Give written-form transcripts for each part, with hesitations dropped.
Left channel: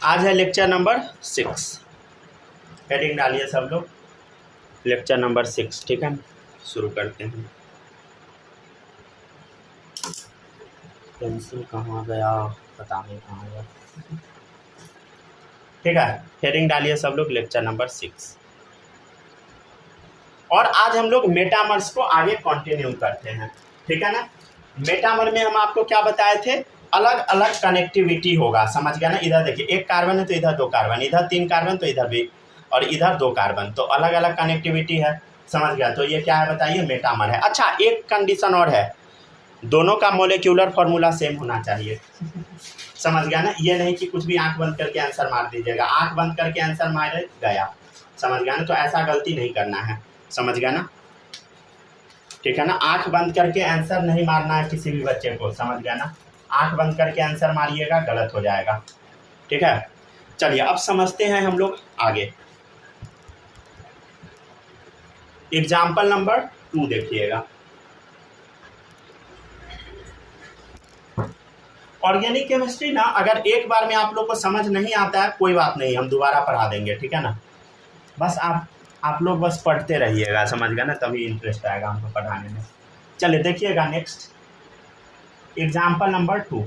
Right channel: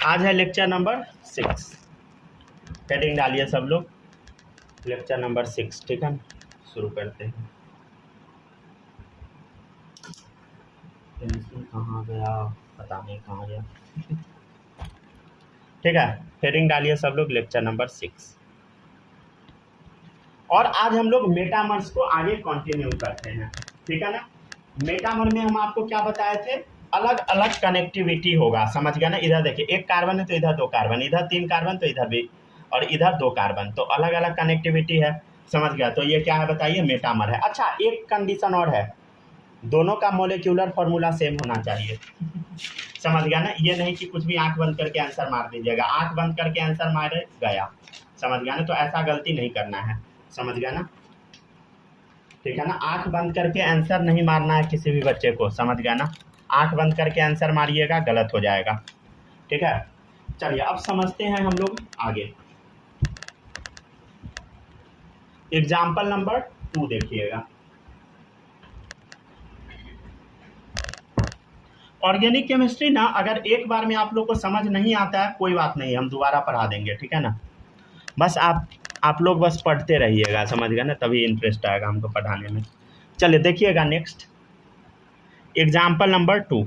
आज है lecture number 6। Heading डालिए सब लोग, लेक्चर नंबर 6। ठीक है, शुरू करते हैं। पेंसिल कहाँ गया, पता नहीं कहाँ गया। ठीक है, हेडिंग डालिए सब लोग, लेक्चर नंबर 6। और आज हम लोग मेटामर्स को आगे कंटिन्यू करते हैं। ठीक है ना। मेटामर में हम आपको क्या बताए थे, अलग अलग कनेक्टिविटी होगा, समझ गया ना। इधर देखिए, एक कार्बन है तो इधर 2 कार्बन, इधर 3 कार्बन तो इधर भी, और इधर 2 कार्बन, तो अलग अलग कनेक्टिविटी है, समझ गया। तो ये क्या है बताइए, मेटामर है। अच्छा, एक कंडीशन और है, दोनों का मोलिक्यूलर फॉर्मूला सेम होना चाहिए। समझ गया ना। ये नहीं कि कुछ भी आंख बंद करके आंसर मार दीजिएगा, आंख बंद करके आंसर मारे गया, समझ गया ना। तो ऐसा गलती नहीं करना है, समझ गया ना। ठीक है ना, आंख बंद करके आंसर नहीं मारना है किसी भी बच्चे को, समझ गया ना। आंख बंद करके आंसर मारिएगा, गलत हो जाएगा। ठीक है, चलिए अब समझते हैं हम लोग आगे। एग्जाम्पल नंबर 2 देखिएगा। ऑर्गेनिक केमिस्ट्री ना, अगर एक बार में आप लोग को समझ नहीं आता है, कोई बात नहीं, हम दोबारा पढ़ा देंगे। ठीक है ना, बस आप लोग बस पढ़ते रहिएगा, समझ गया ना, तभी इंटरेस्ट आएगा हमको पढ़ाने में। चलिए देखिएगा नेक्स्ट, एग्जाम्पल नंबर 2।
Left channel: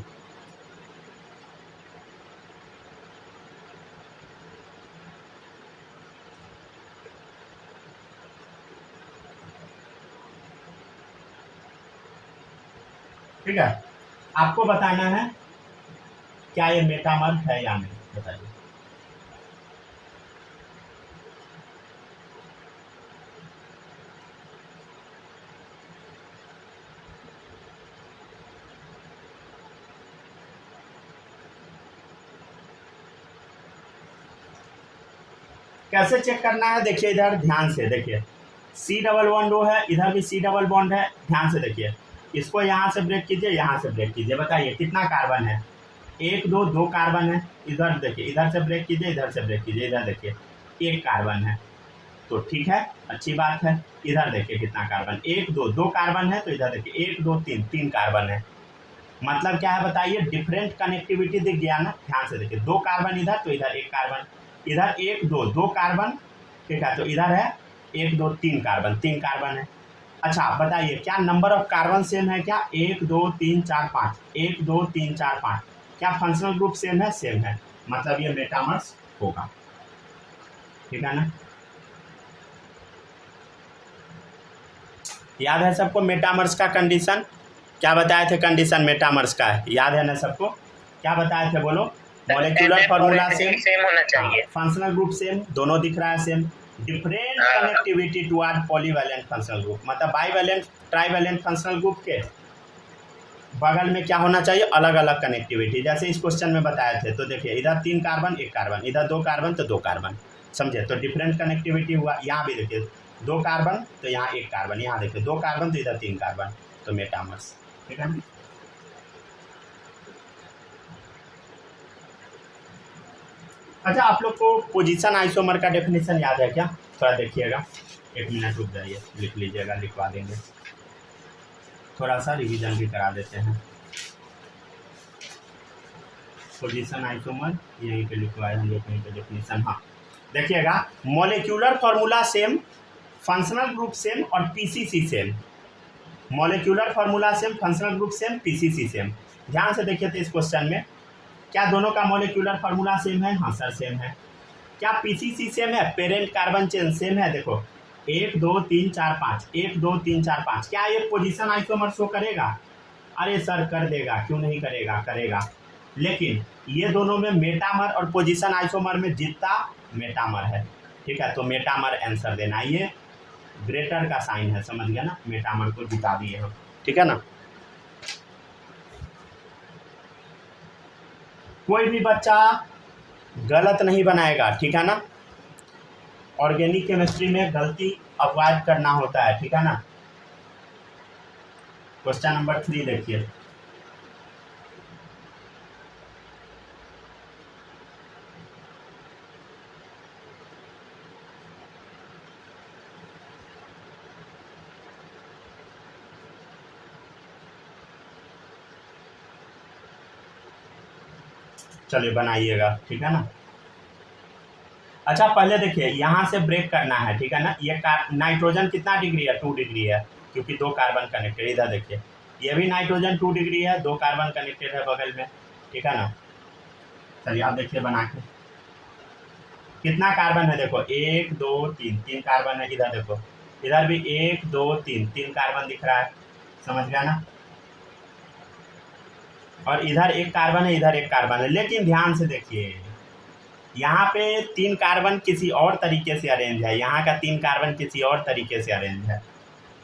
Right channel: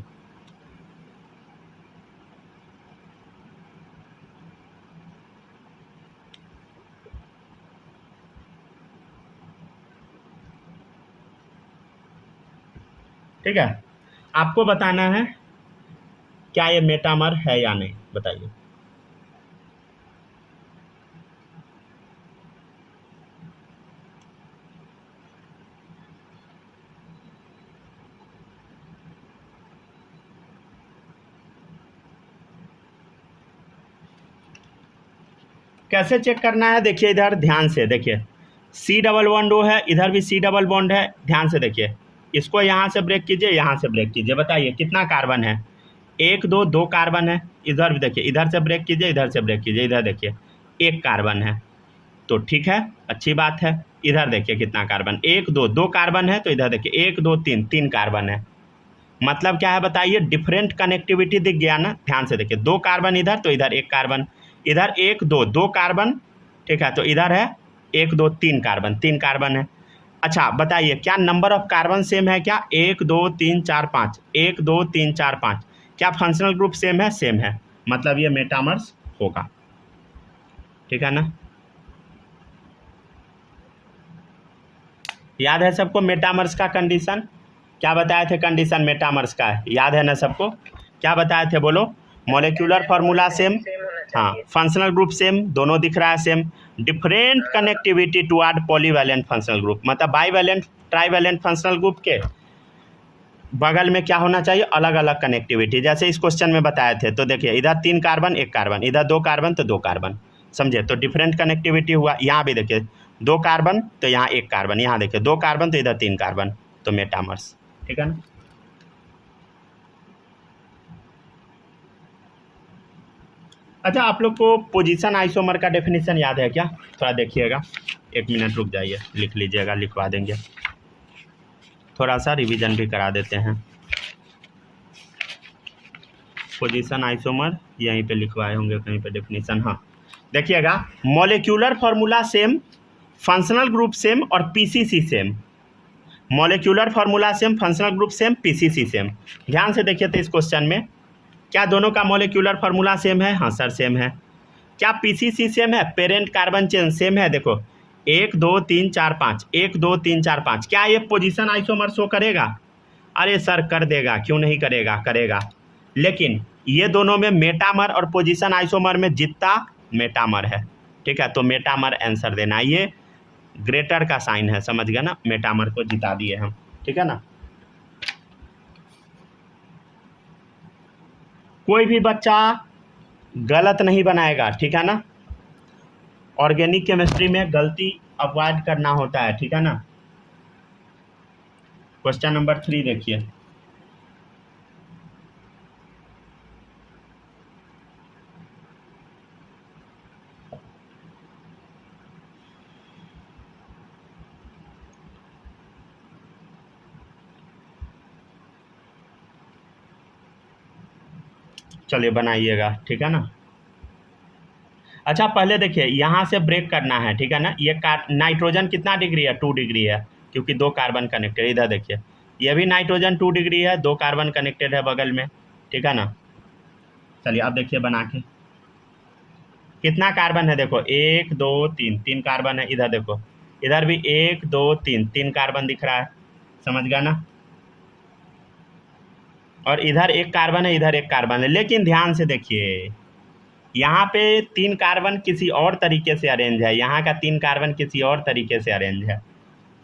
ठीक है, आपको बताना है क्या ये मेटामर है या नहीं, बताइए। कैसे चेक करना है, देखिए इधर ध्यान से देखिए, सी डबल बॉन्ड वो है, इधर भी सी डबल बॉन्ड है, ध्यान से देखिए। इसको यहाँ से ब्रेक कीजिए, यहाँ से ब्रेक कीजिए, बताइए कितना कार्बन है। 1 2 2 कार्बन है। इधर भी देखिए, इधर से ब्रेक कीजिए, इधर से ब्रेक कीजिए, इधर देखिए 1 कार्बन है, तो ठीक है, अच्छी बात है। इधर देखिए कितना कार्बन, 1 2 2 कार्बन है, तो इधर देखिए 1 2 3 3 कार्बन है। मतलब क्या है बताइए, डिफरेंट कनेक्टिविटी दिख गया ना। ध्यान से देखिए, 2 कार्बन इधर, तो इधर 1 कार्बन, इधर 1 2 2 कार्बन, ठीक है, तो इधर है 1 2 3 कार्बन, 3 कार्बन है। अच्छा बताइए, क्या नंबर ऑफ कार्बन सेम है क्या, 1 2 3 4 5, 1 2 3 4 5, क्या फंक्शनल ग्रुप सेम है, सेम है, मतलब ये मेटामर्स होगा। ठीक है ना, याद है सबको मेटामर्स का कंडीशन, क्या बताए थे कंडीशन मेटामर्स का, याद है ना सबको, क्या बताए थे बोलो। मॉलिक्यूलर फार्मूला सेम, हाँ, फंक्शनल ग्रुप सेम, दोनों दिख रहा है same, different connectivity toward polyvalent functional group, मतलब बाईवैलेंट ट्राईवैलेंट फंक्शनल ग्रुप के बगल में क्या होना चाहिए, अलग अलग कनेक्टिविटी, जैसे इस क्वेश्चन में बताए थे। तो देखिए, इधर 3 कार्बन 1 कार्बन, इधर 2 कार्बन तो 2 कार्बन, समझे, तो डिफरेंट कनेक्टिविटी हुआ। यहाँ भी देखिए 2 कार्बन तो यहाँ 1 कार्बन, यहाँ देखिए 2 कार्बन तो इधर 3 कार्बन, तो मेटामर्स। ठीक है ना। अच्छा, आप लोग को पोजीशन आइसोमर का डेफिनेशन याद है क्या, थोड़ा देखिएगा, 1 मिनट रुक जाइए, लिख लीजिएगा, लिखवा देंगे, थोड़ा सा रिवीजन भी करा देते हैं। पोजीशन आइसोमर यहीं पे लिखवाए होंगे कहीं पे डेफिनेशन, हाँ देखिएगा, molecular formula same, functional group same और PCC same. Molecular formula same, functional group same, PCC same. ध्यान से देखिए, तो इस क्वेश्चन में क्या दोनों का मॉलिक्यूलर फार्मूला सेम है, हाँ सर सेम है। क्या पीसीसी सेम है, पेरेंट कार्बन चेन सेम है, देखो 1 2 3 4 5, 1 2 3 4 5, क्या ये पोजीशन आइसोमर शो करेगा, अरे सर कर देगा, क्यों नहीं करेगा, करेगा। लेकिन ये दोनों में मेटामर और पोजीशन आइसोमर में जितना मेटामर है, ठीक है, तो मेटामर आंसर देना, ये ग्रेटर का साइन है, समझ गया ना, मेटामर को जिता दिए हम। ठीक है ना, कोई भी बच्चा गलत नहीं बनाएगा, ठीक है ना। ऑर्गेनिक केमिस्ट्री में गलती अवॉइड करना होता है, ठीक है ना। क्वेश्चन नंबर 3 देखिए, चलिए बनाइएगा, ठीक है ना। अच्छा पहले देखिए यहाँ से ब्रेक करना है, ठीक है ना। ये नाइट्रोजन कितना डिग्री है, 2 डिग्री है, क्योंकि 2 कार्बन कनेक्टेड। इधर देखिए ये भी नाइट्रोजन 2 डिग्री है, 2 कार्बन कनेक्टेड है बगल में, ठीक है ना। चलिए आप देखिए बना के कितना कार्बन है, देखो 1 2 3, 3 कार्बन है। इधर देखो इधर भी 1 2 3, 3 कार्बन दिख रहा है, समझ गया ना। और इधर 1 कार्बन है, इधर 1 कार्बन है। लेकिन ध्यान से देखिए यहाँ पे 3 कार्बन किसी और तरीके से अरेंज है, यहाँ का 3 कार्बन किसी और तरीके से अरेंज है,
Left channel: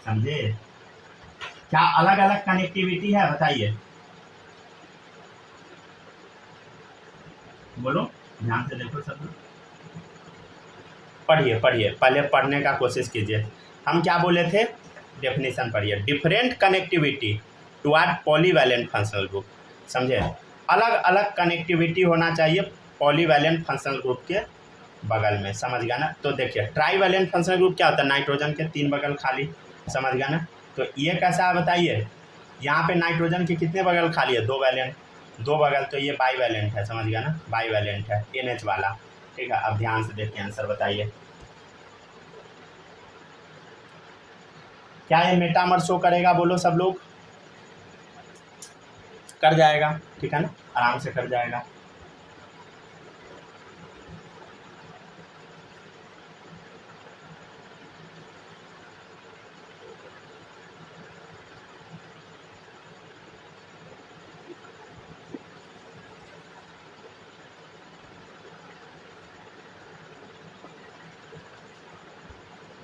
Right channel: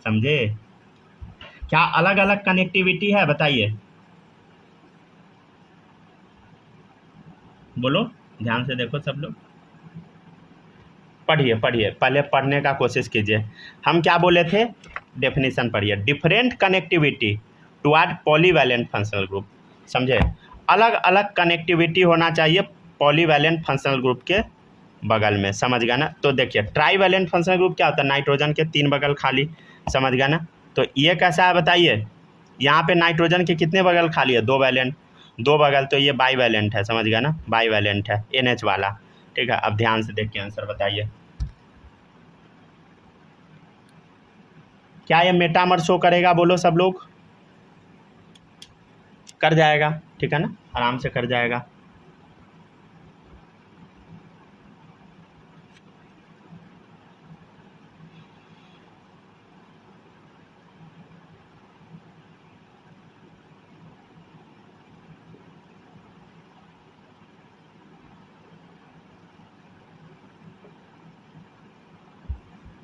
समझे। क्या अलग अलग कनेक्टिविटी है बताइए, बोलो, ध्यान से देखो सब लोग, पढ़िए पढ़िए, पहले पढ़ने का कोशिश कीजिए। हम क्या बोले थे, डेफिनेशन पढ़िए। Different connectivity toward polyvalent functional group, समझे। अलग अलग कनेक्टिविटी होना चाहिए पॉलीवैलेंट फंक्शनल ग्रुप के बगल में, समझ गया ना। तो देखिए ट्राईवैलेंट फंक्शनल ग्रुप क्या होता है, नाइट्रोजन के 3 बगल खाली, समझ गया ना। तो ये कैसा है बताइए, यहाँ पे नाइट्रोजन के कितने बगल खाली है, 2 वैलेंट, 2 बगल, तो ये बाईवैलेंट है, समझ गया ना, बाईवैलेंट है, NH वाला, ठीक है। अब ध्यान से देखिए आंसर बताइए, क्या ये मेटामर शो करेगा, बोलो सब लोग। कर जाएगा, ठीक है ना, आराम से कर जाएगा।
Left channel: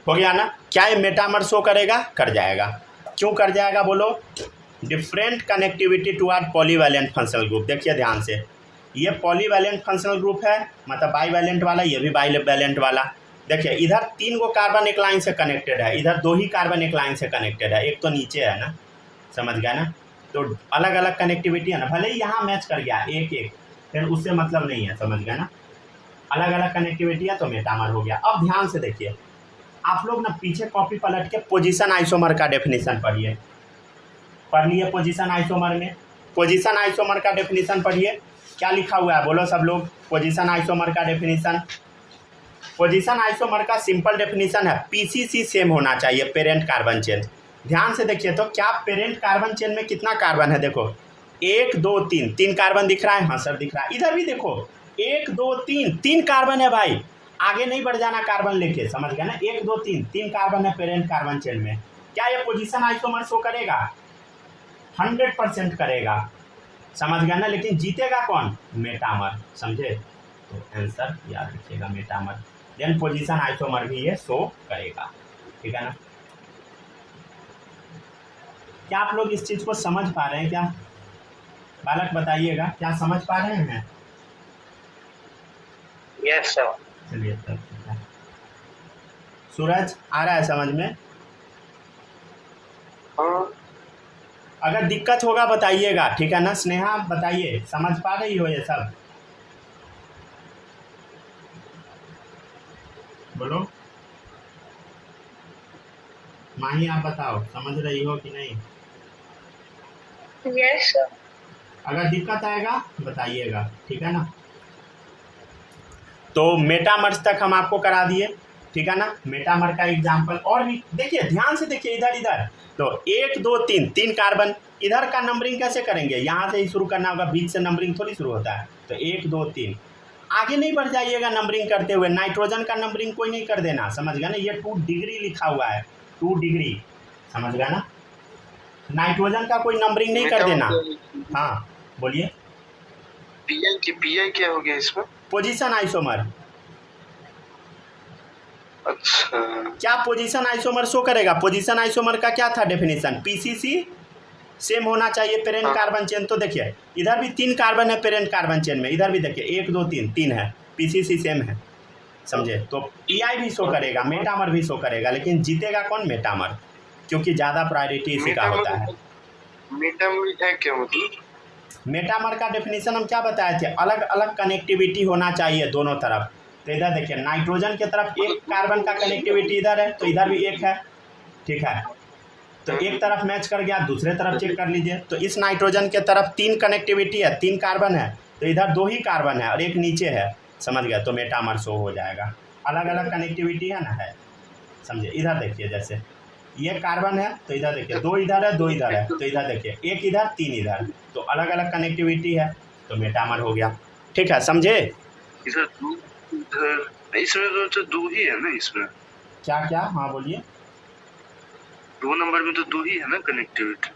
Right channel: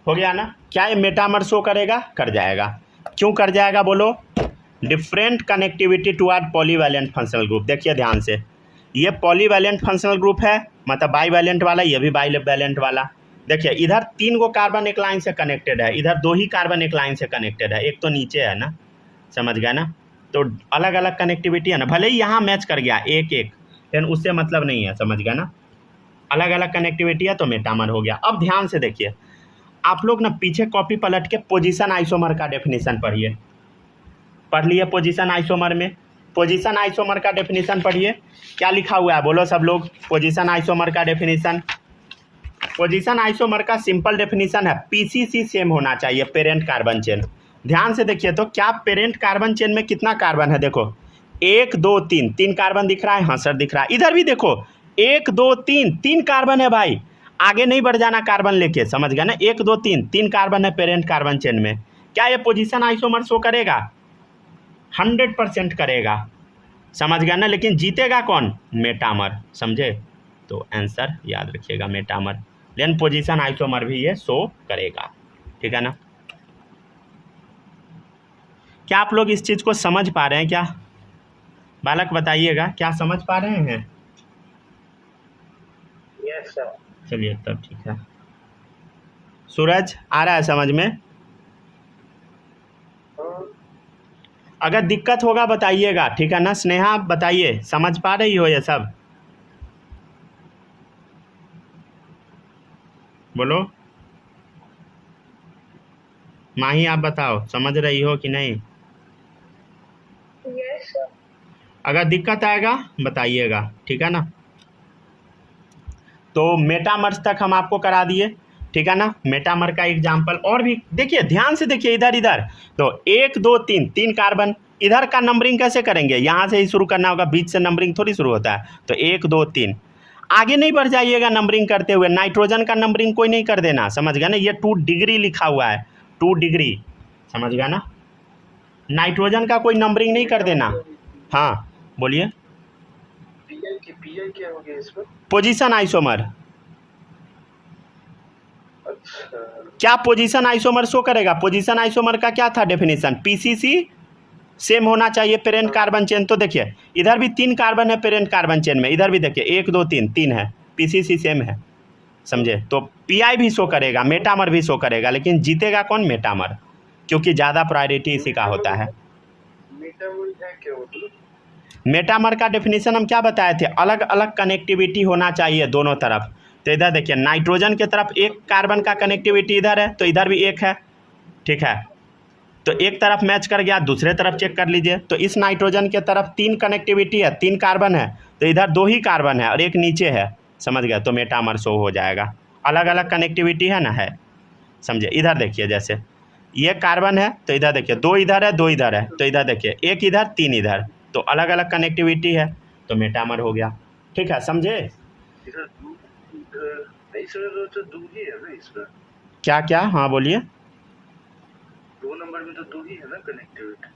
हो गया ना। क्या ये मेटामर शो करेगा, कर जाएगा। क्यों कर जाएगा बोलो, different connectivity toward polyvalent functional group. देखिए ध्यान से, ये पॉलीवैलेंट फंक्शनल ग्रुप है, मतलब बाईवैलेंट वाला, ये भी बाईवैलेंट वाला। देखिए इधर 3 गो कार्बन एक लाइन से कनेक्टेड है, इधर 2 ही कार्बन एक लाइन से कनेक्टेड है, एक तो नीचे है ना, समझ गया ना। तो अलग अलग कनेक्टिविटी है ना, भले ही यहाँ मैच कर गया 1 1, लेकिन उससे मतलब नहीं है, समझ गया ना। अलग अलग कनेक्टिविटी है तो मेटामर हो गया। अब ध्यान से देखिए आप लोग ना, पीछे कॉपी पलट के पोजीशन आइसोमर का डेफिनेशन पढ़िए। पढ़ लिए पोजीशन आइसोमर में, पोजीशन आइसोमर का डेफिनेशन पढ़िए। क्या लिखा हुआ है बोलो सब लोग, पोजीशन आइसोमर का डेफिनेशन। पोजीशन आइसोमर का सिंपल डेफिनेशन है PCC सेम होना चाहिए, पेरेंट कार्बन चेन। ध्यान से देखिए तो क्या पेरेंट कार्बन चेन में कितना कार्बन है, देखो 1 2 3, 3 कार्बन दिख रहा है, हाँ सर दिख रहा है। इधर भी देखो 1 2 3, 3 कार्बन है भाई, आगे नहीं बढ़ जाना कार्बन लेके, समझ गया ना। 1 2 3, 3 कार्बन है पेरेंट कार्बन चेन में। क्या ये पोजीशन आइसोमर शो करेगा, 100% करेगा, समझ गया ना। लेकिन जीतेगा कौन, मेटामर, समझे। तो आंसर याद रखिएगा मेटामर, लेकिन पोजीशन आइसोमर भी ये शो करेगा, ठीक है ना। क्या आप लोग इस चीज़ को समझ पा रहे हैं क्या, बालक बताइएगा, क्या समझ पा रहे हैं। Yes sir. चलिए तब ठीक है। सूरज आ रहा है समझ में, अगर दिक्कत होगा बताइएगा, ठीक है ना। स्नेहा बताइए, समझ पा रही हो ये सब, बोलो। माही आप बताओ, समझ रही हो कि नहीं। Yes sir. अगर दिक्कत आएगा बताइएगा, ठीक है ना। तो मेटामर्स तक हम आपको करा दिए, ठीक है ना। मेटामर का एग्जाम्पल और भी देखिए, ध्यान से देखिए इधर इधर, तो 1 2 3, 3 कार्बन। इधर का नंबरिंग कैसे करेंगे, यहाँ से ही शुरू करना होगा, बीच से नंबरिंग थोड़ी शुरू होता है। तो 1 2 3, आगे नहीं बढ़ जाइएगा नंबरिंग करते हुए। नाइट्रोजन का नंबरिंग कोई नहीं कर देना, समझ गया ना। ये 2 डिग्री लिखा हुआ है, 2 डिग्री, समझ गया ना। नाइट्रोजन का कोई नंबरिंग नहीं कर देना। हाँ बोलिए। पीआई क्या हो गया इसमें, पोजीशन आइसोमर। अच्छा क्या पोजीशन आइसोमर शो करेगा, पोजीशन आइसोमर का क्या था डेफिनेशन, PCC सेम होना चाहिए पेरेंट कार्बन चेन। तो देखिए इधर भी 3 कार्बन है पेरेंट कार्बन चेन में, इधर भी देखिए 1 2 3, 3 है, PCC सेम है, समझे। तो PI भी शो करेगा, मेटामर भी शो करेगा, लेकिन जीतेगा कौन, मेटामर, क्योंकि ज़्यादा प्रायोरिटी इसी का होता है। मेटामर है क्या मतलब, मेटामर का डेफिनेशन हम क्या बताए थे, अलग अलग कनेक्टिविटी होना चाहिए दोनों तरफ। तो इधर देखिए नाइट्रोजन की तरफ 1 कार्बन का कनेक्टिविटी इधर है, तो इधर भी 1 है, ठीक है। तो एक तरफ मैच कर गया, दूसरे तरफ चेक कर लीजिए। तो इस नाइट्रोजन के तरफ 3 कनेक्टिविटी है, 3 कार्बन है, तो इधर 2 ही कार्बन है और एक नीचे है, समझ गया, तो मेटामर शो हो जाएगा। अलग अलग कनेक्टिविटी है ना, है, समझे। इधर देखिए, जैसे ये कार्बन है तो इधर देखिए 2 इधर है 2 इधर है, तो इधर देखिए 1 इधर 3 इधर, तो अलग अलग कनेक्टिविटी है, तो मेटामर हो गया। ठीक है, समझे। इधर दो, इधर इसमें तो दो ही है ना इसमें। क्या क्या, हाँ बोलिए। 2 नंबर में तो दो ही है ना कनेक्टिविटी।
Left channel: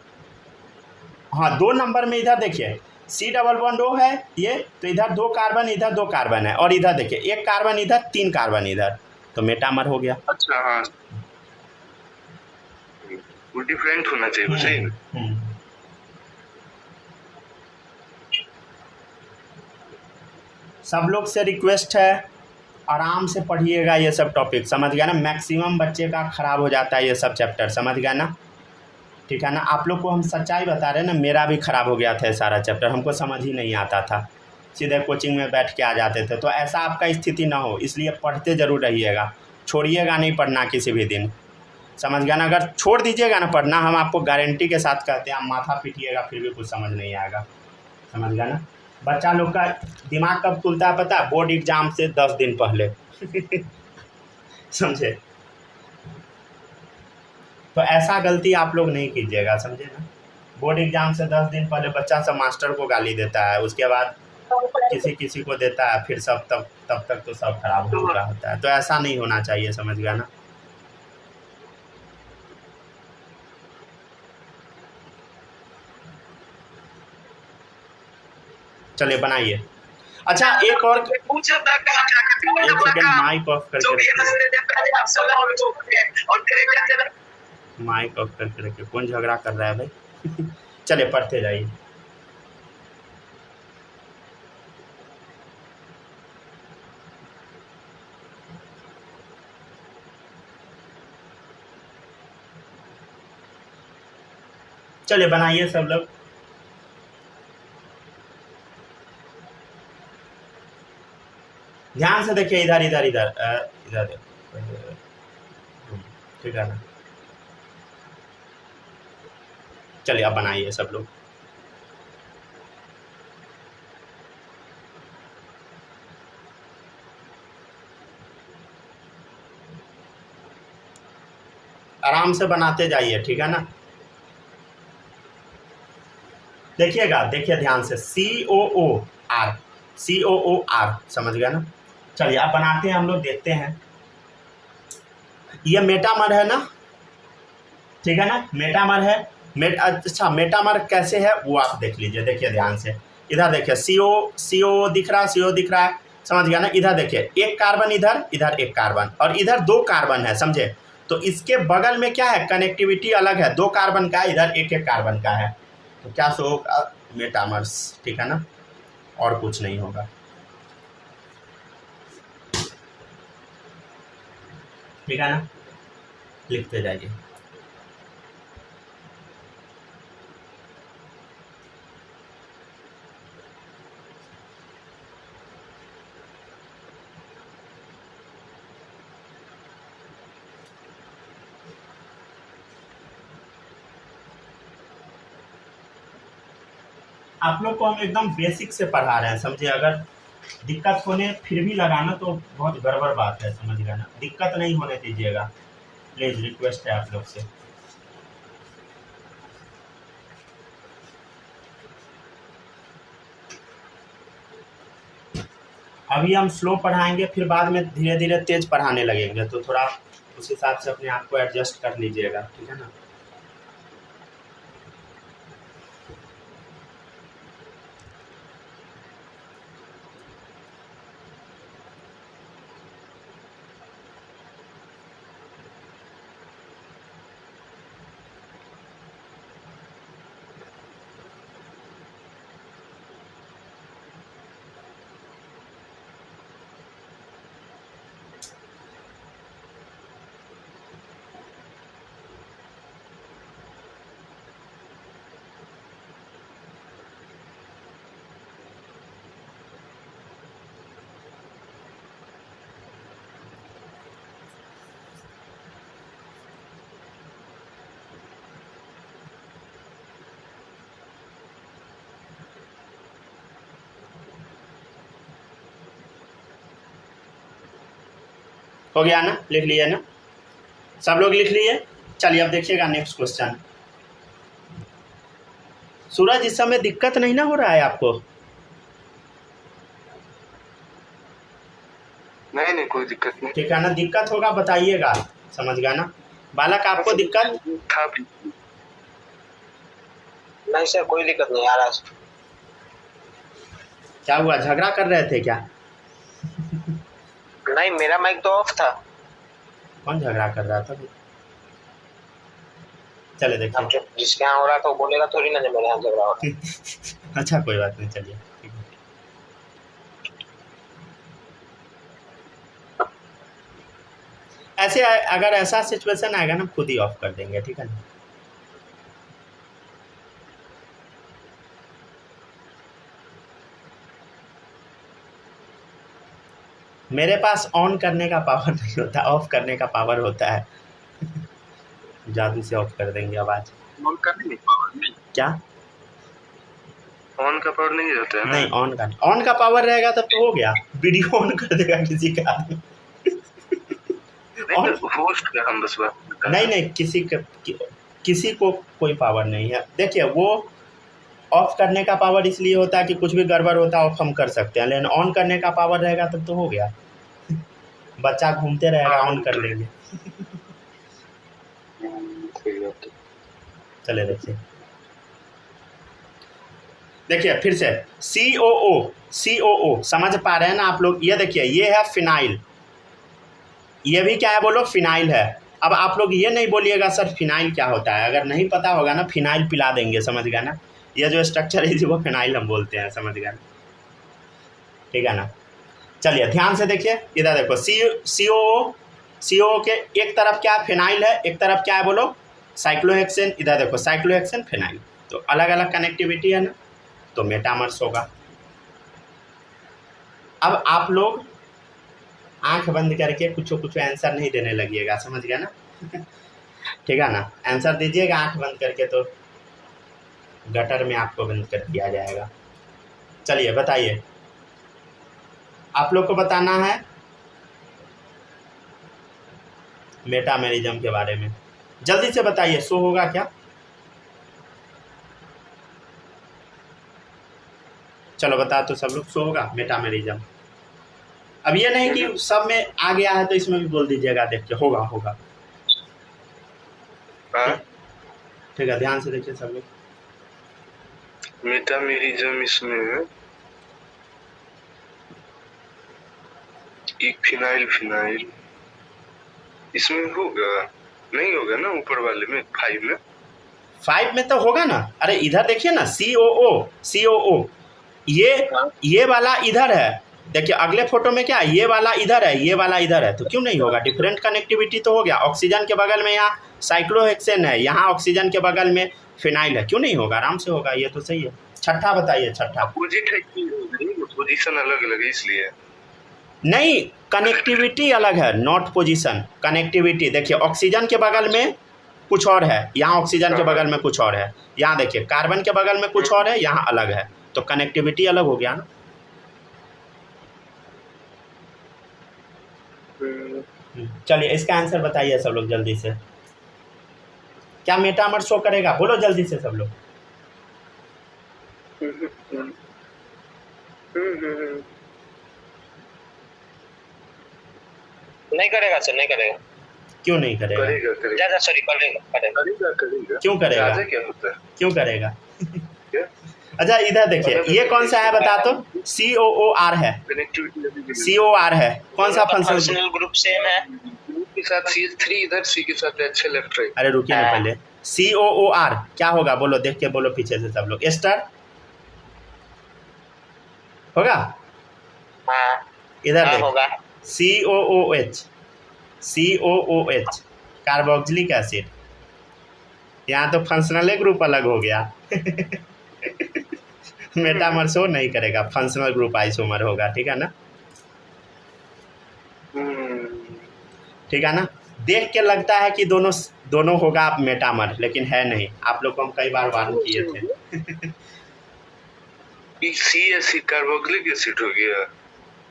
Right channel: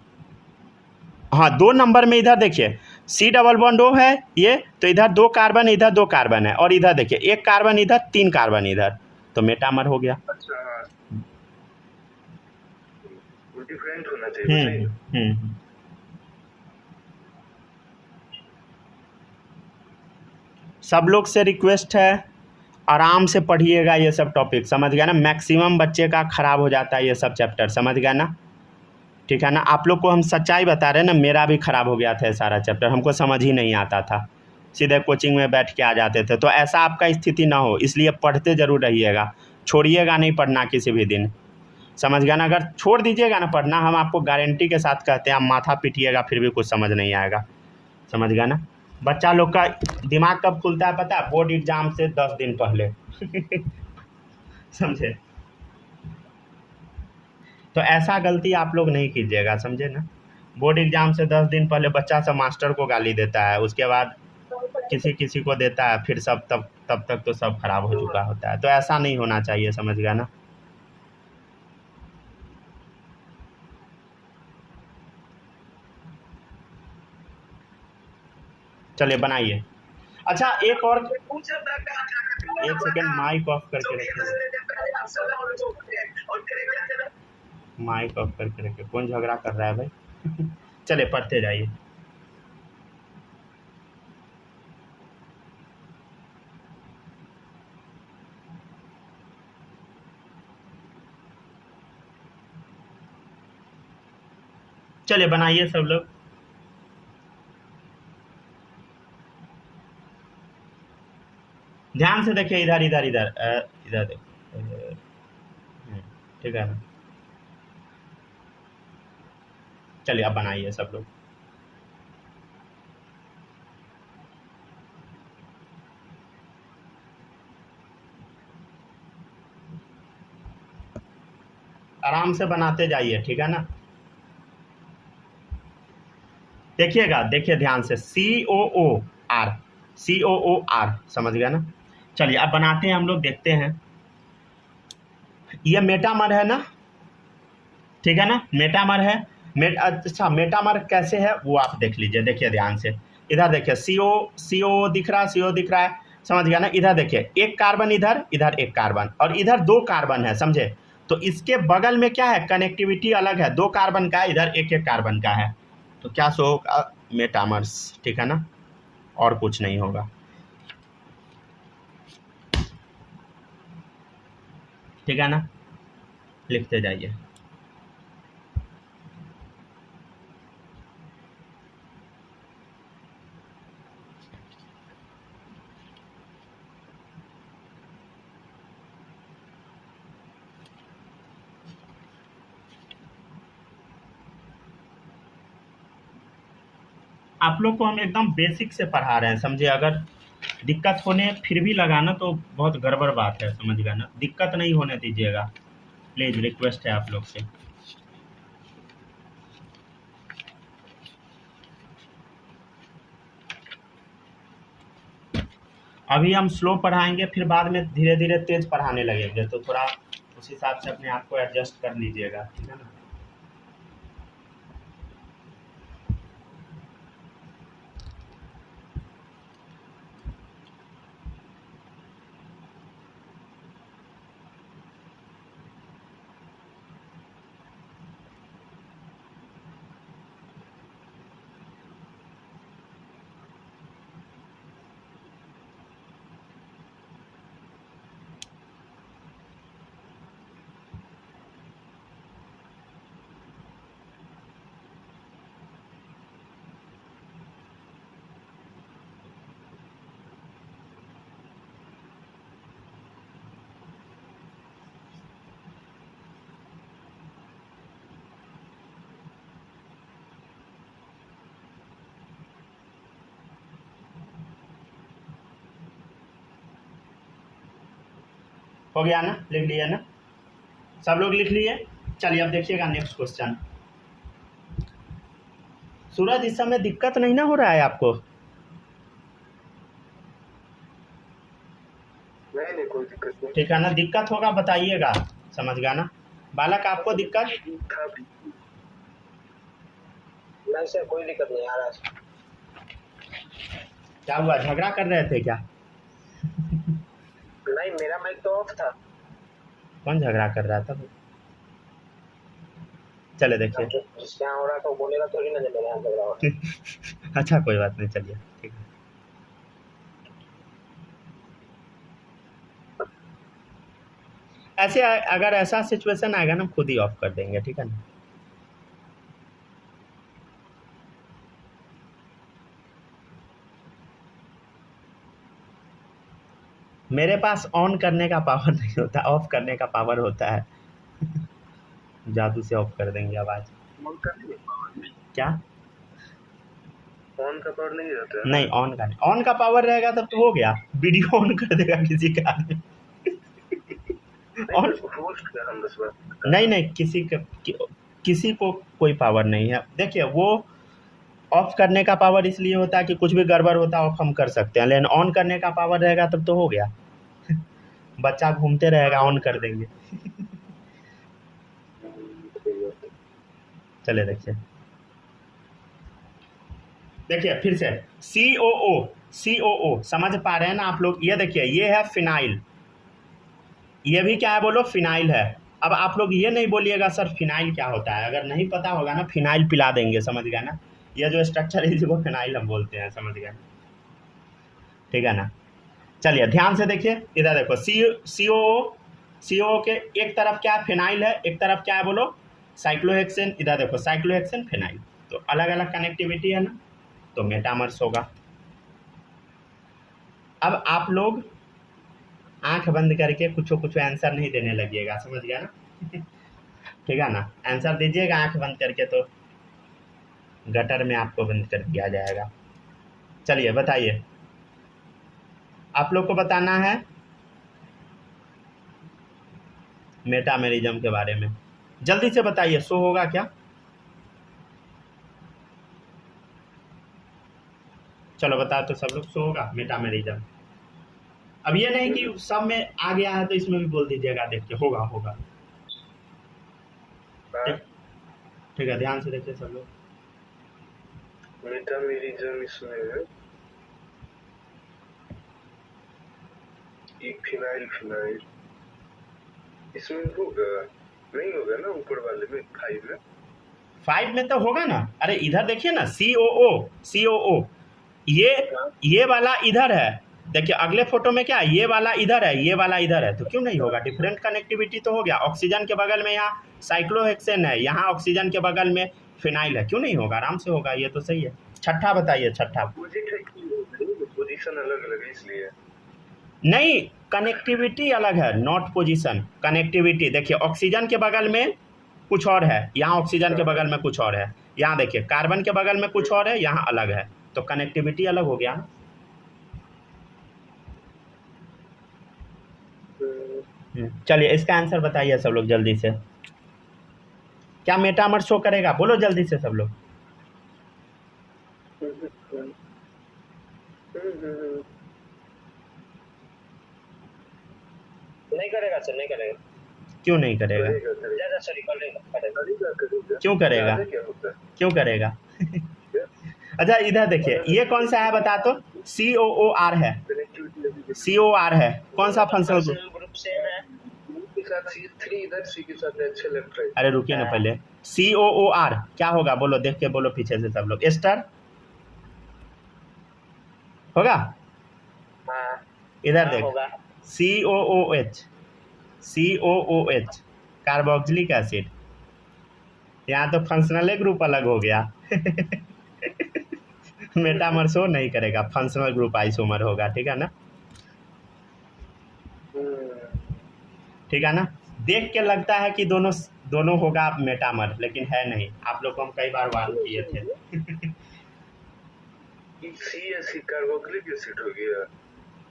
हाँ, 2 नंबर में इधर देखिए सी डबल बॉन्ड ओ है ये, तो इधर 2 कार्बन इधर 2 कार्बन है, और इधर देखिए 1 कार्बन इधर 3 कार्बन इधर, तो मेटामर हो गया। अच्छा हाँ, वो डिफरेंट होना चाहिए सही ना। हम्म। सब लोग से रिक्वेस्ट है, आराम से पढ़िएगा ये सब टॉपिक, समझ गया ना। मैक्सिमम बच्चे का ख़राब हो जाता है ये सब चैप्टर, समझ गया ना। ठीक है ना, आप लोग को हम सच्चाई बता रहे हैं ना, मेरा भी ख़राब हो गया था ये सारा चैप्टर, हमको समझ ही नहीं आता था, सीधे कोचिंग में बैठ के आ जाते थे। तो ऐसा आपका स्थिति ना हो, इसलिए पढ़ते ज़रूर रहिएगा, छोड़िएगा नहीं पढ़ना किसी भी दिन, समझ गया ना। अगर छोड़ दीजिएगा ना पढ़ना, हम आपको गारंटी के साथ कहते हैं, आप माथा पीटिएगा फिर भी कुछ समझ नहीं आएगा, समझ गया ना। बच्चा लोग का दिमाग कब खुलता है पता है, बोर्ड एग्ज़ाम से 10 दिन पहले समझे। तो ऐसा गलती आप लोग नहीं कीजिएगा, समझे ना। बोर्ड एग्ज़ाम से 10 दिन पहले बच्चा सब मास्टर को गाली देता है, उसके बाद किसी किसी को देता है, फिर सब तब तक तो सब खराब हो चुका होता है। तो ऐसा नहीं होना चाहिए, समझ गया ना। चलिए बनाइए। अच्छा एक और, एक सेकेंड माइक ऑफ करके रखिए, माइक ऑफ करके रखिए, कौन झगड़ा कर रहा है भाई चलिए पढ़ते जाइए। चलिए बनाइए सब लोग। ध्यान से देखिए, इधर इधर इधर इधर देखो, ठीक है ना। चलिए अब बनाइए सब लोग। आराम से बनाते जाइए, ठीक है ना। देखिएगा, देखिए ध्यान से, COOR, COOR, समझ गया ना। चलिए अब बनाते हैं हम लोग, देखते हैं। ये मेटामर है ना, ठीक है ना, मेटामर है। अच्छा मेटामर कैसे है वो आप देख लीजिए, देखिए ध्यान से। इधर देखिए CO दिख रहा है, CO दिख रहा है, समझ गया ना। इधर देखिए 1 कार्बन इधर, इधर 1 कार्बन, और इधर 2 कार्बन है, समझे। तो इसके बगल में क्या है, कनेक्टिविटी अलग है, 2 कार्बन का, इधर 1 कार्बन का है, तो क्या शो होगा, मेटामर्स, ठीक है ना, और कुछ नहीं होगा, ठीक है ना। लिखते जाइए। आप लोग को हम एकदम बेसिक से पढ़ा रहे हैं, समझे। अगर दिक्कत होने फिर भी लगाना तो बहुत गड़बड़ बात है, समझ गया ना। दिक्कत नहीं होने दीजिएगा, प्लीज़, रिक्वेस्ट है आप लोग से। अभी हम स्लो पढ़ाएंगे, फिर बाद में धीरे धीरे तेज पढ़ाने लगेंगे, तो थोड़ा उस हिसाब से अपने आप को एडजस्ट कर लीजिएगा, ठीक है ना। हो गया ना, लिख लिए ना सब लोग, लिख लिए। चलिए अब देखिएगा नेक्स्ट क्वेश्चन। सूरज इस समय दिक्कत नहीं ना हो रहा है आपको? नहीं नहीं कोई दिक्कत नहीं। ठीक है ना, दिक्कत होगा बताइएगा, समझ गया ना बालक, आपको दिक्कत था नहीं सर, कोई दिक्कत नहीं आ रहा। क्या हुआ, झगड़ा कर रहे थे क्या? नहीं, मेरा माइक तो ऑफ था। कौन झगड़ा कर रहा था? चले अब देखिए। जो जिसके यहाँ हो रहा था वो बोलेगा थोड़ी ना, जब मेरे यहाँ झगड़ा हो रहा है। अच्छा कोई बात नहीं, चलिए ठीक है। ऐसे अगर ऐसा सिचुएशन आएगा ना, खुद ही ऑफ कर देंगे, ठीक है ना। मेरे पास ऑन करने का पावर नहीं होता, ऑफ करने का पावर होता है। जादू से ऑफ कर देंगे आवाज। ऑन का नहीं पावर नहीं, क्या ऑन का पावर नहीं रहता है ना? नहीं, ऑन का पावर रहेगा तब तो हो गया, वीडियो ऑन कर देगा किसी का। नहीं तो होस्ट का हम बस बात करते हैं। नहीं किसी को कोई पावर नहीं है। देखिए वो ऑफ करने का पावर इसलिए होता है कि कुछ भी गड़बड़ होता है ऑफ हम कर सकते हैं, लेकिन ऑन करने का पावर रहेगा तब तो हो गया। बच्चा घूमते रहेगा, ऑन कर देंगे। चले देखिए फिर से COO समझ पा रहे हैं ना आप लोग? ये देखिए, ये है फिनाइल, ये भी क्या है बोलो, फिनाइल है। अब आप लोग ये नहीं बोलिएगा सर फिनाइल क्या होता है, अगर नहीं पता होगा ना फिनाइल पिला देंगे, समझ गया ना। ये जो स्ट्रक्चर है वो फिनाइल हम बोलते हैं, समझ गया ना, ठीक है ना। चलिए ध्यान से देखिए, इधर देखो COO के एक तरफ क्या फिनाइल है, एक तरफ क्या है बोलो, साइक्लोहेक्सेन। इधर देखो साइक्लोहेक्सेन फिनाइल, तो अलग अलग कनेक्टिविटी है ना, तो मेटामर्स होगा। अब आप लोग आंख बंद करके कुछ आंसर नहीं देने लगिएगा, समझ गया ना। ठीक है ना, आंसर दीजिएगा आंख बंद करके तो गटर में आपको बंद कर दिया जाएगा। चलिए बताइए, आप लोग को बताना है मेटामेरिज्म के बारे में, जल्दी से बताइए। शो होगा क्या? चलो बताओ तो सब लोग, शो होगा मेटामेरिज्म। अब ये नहीं कि सब में आ गया है तो इसमें भी बोल दीजिएगा, देखिए होगा। ठीक है, ध्यान से देखिए सब लोग। मेटामेरिज्म इसमें है एक फिनाइल इसमें होगा, नहीं होगा ना ऊपर वाले में 5 में तो होगा ना। अरे इधर देखिए ना, COO ये वाला इधर है, देखिए अगले फोटो में क्या, ये वाला इधर है, ये वाला इधर है, तो क्यों नहीं होगा? डिफरेंट कनेक्टिविटी तो हो गया। ऑक्सीजन के बगल में यहाँ साइक्लोहेक्सेन है, यहाँ ऑक्सीजन के बगल में फिनाइल है, क्यों नहीं होगा? आराम से होगा, ये तो सही है। छठा बताइए, छठा। पोजीशन अलग अलग है इसलिए नहीं, कनेक्टिविटी अलग है, नॉट पोजीशन, कनेक्टिविटी। देखिए ऑक्सीजन के बगल में कुछ और है, यहाँ ऑक्सीजन के बगल में कुछ और है, यहाँ देखिए कार्बन के बगल में कुछ और है, यहाँ अलग है, तो कनेक्टिविटी अलग हो गया ना। चलिए इसका आंसर बताइए सब लोग जल्दी से। क्या मेटामर शो करेगा? बोलो जल्दी से सब लोग। नहीं करेगा सर, नहीं करेगा। क्यों नहीं करेगा? करेगा सॉरी, करेगा। क्यों करेगा? क्या होता है? क्यों करेगा? अच्छा इधर देखिए, ये कौन सा है बता तो? COOR है, COR है, कौन सा फंक्शनल ग्रुप सेम है के साथ CH3 इधर, C के साथ अच्छे लेफ्ट राइट। अरे रुकिए ना पहले, COOR क्या होगा बोलो, देख के बोलो पीछे से सब लोग। एस्टर होगा? हाँ, इधर देख, होगा। COOH carboxylic acid. यहाँ तो फंक्शनल ग्रुप अलग हो गया। मेटामर शो नहीं करेगा, फंक्शनल ग्रुप आइसोमर होगा, ठीक है ना। ठीक है ना, देख के लगता है कि दोनों होगा मेटामर, लेकिन है नहीं। आप लोग को हम कई बार वार्न किए थे। C एसिड कार्बोक्सिलिक एसिड हो गया।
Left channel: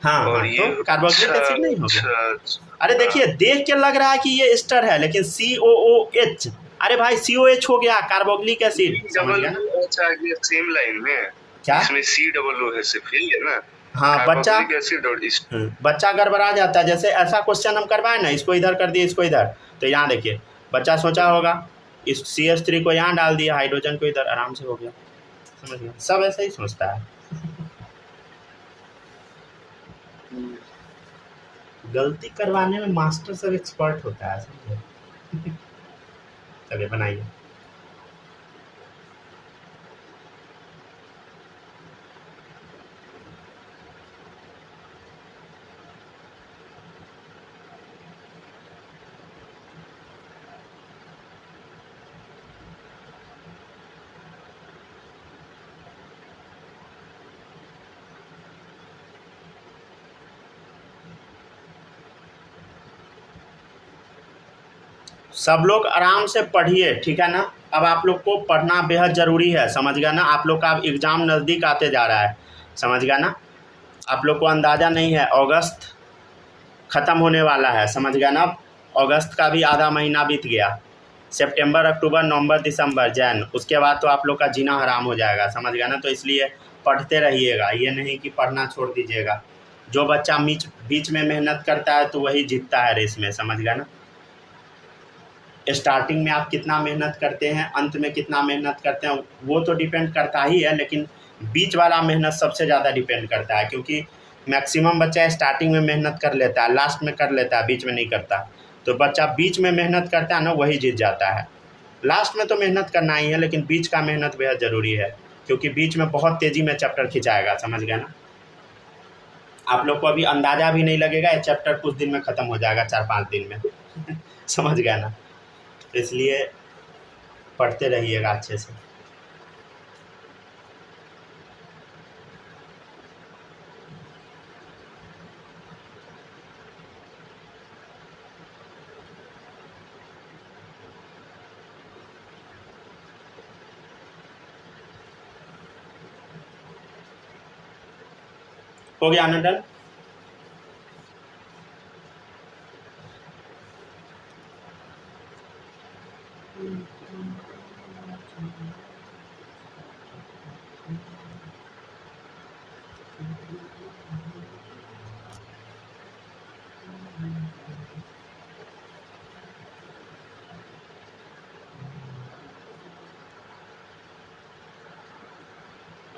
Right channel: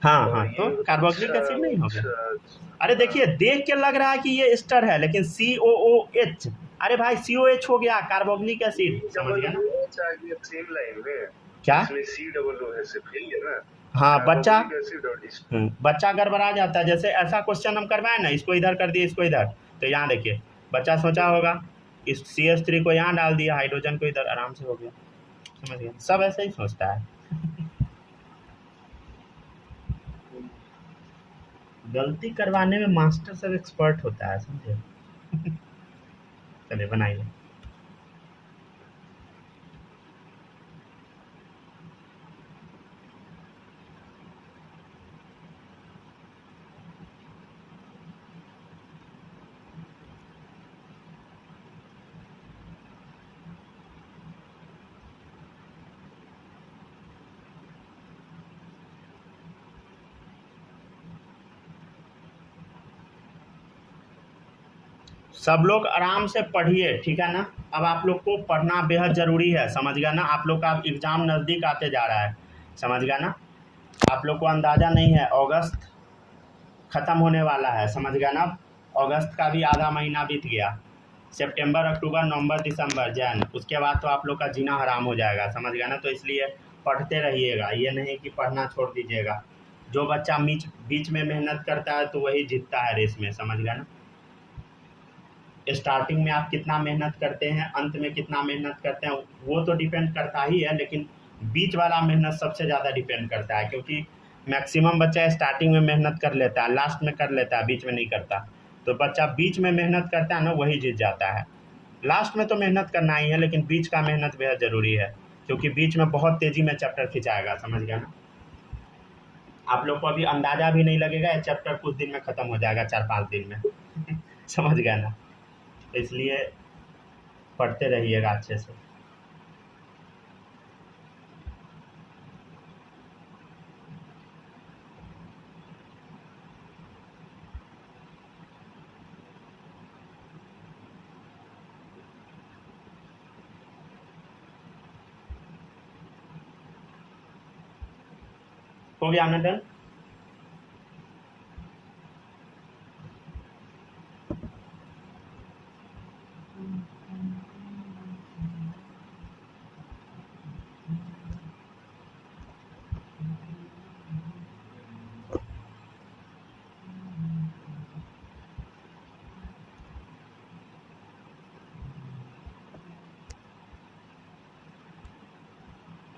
हाँ और हाँ, ये तो कार्बोक्सिलिक अच्छा एसिड नहीं हो गया। अच्छा अरे देखिए, देख के लग रहा है कि ये एस्टर है, लेकिन COOH, अरे भाई COH हो गया, कार्बोक्सिलिक एसिड, समझ गया ना। अच्छा आ गया सेम लाइन में। क्या? इसमें COO है सिर्फ यही है ना, हाँ, बच्चा कार्बोक्सिलिक एसिड और इस बच्चा गड़बड़ा जाता है। जैसे ऐसा क्वेश्चन हम करवाए ना, इसको इधर कर दिए, इसको इधर, तो यहाँ देखिए बच्चा सोचा होगा इस CH3 को यहाँ डाल दिया, हाइड्रोजन को इधर, आराम से हो गया, समझ गया। सब ऐसा ही सोचता है। गलती करवाने में मास्टर सब एक्सपर्ट होता है, समझे। चलिए बनाइए। सब लोग आराम से पढ़िए, ठीक है ना। अब आप लोग को पढ़ना बेहद ज़रूरी है, समझ गया ना। आप लोग का अब एग्ज़ाम नज़दीक आते जा रहा है, समझ गया ना। आप लोग को अंदाज़ा नहीं है, अगस्त ख़त्म होने वाला है, समझ गया ना। अगस्त का भी आधा महीना बीत गया, सितंबर, अक्टूबर, नवंबर, दिसंबर, जैन, उसके बाद तो आप लोग का जीना हराम हो जाएगा, समझ गया ना। तो इसलिए पढ़ते रहिएगा, ये नहीं कि पढ़ना छोड़ दीजिएगा। जो बच्चा बीच में मेहनत करता है तो वही जीतता है रेस में, समझ गया ना। स्टार्टिंग में आप कितना मेहनत करते हैं, अंत में कितना मेहनत करते हैं, वो तो डिपेंड करता ही है, लेकिन बीच वाला मेहनत सबसे ज़्यादा डिपेंड करता है, क्योंकि मैक्सिमम बच्चा स्टार्टिंग में मेहनत कर लेता है, लास्ट में कर लेता है, बीच में नहीं करता। तो बच्चा बीच में मेहनत करता है ना, वही जीत जाता है। लास्ट में तो मेहनत करना ही है, लेकिन बीच का मेहनत बेहद ज़रूरी है, क्योंकि बीच में बहुत तेज़ी में चैप्टर खिंचाएगा, समझ गया ना। आप लोग को अभी अंदाज़ा भी नहीं लगेगा, ये चैप्टर कुछ दिन में ख़त्म हो जाएगा, 4-5 दिन में। समझ गया ना। इसलिए पढ़ते रहिएगा अच्छे से। हो गया ना डन।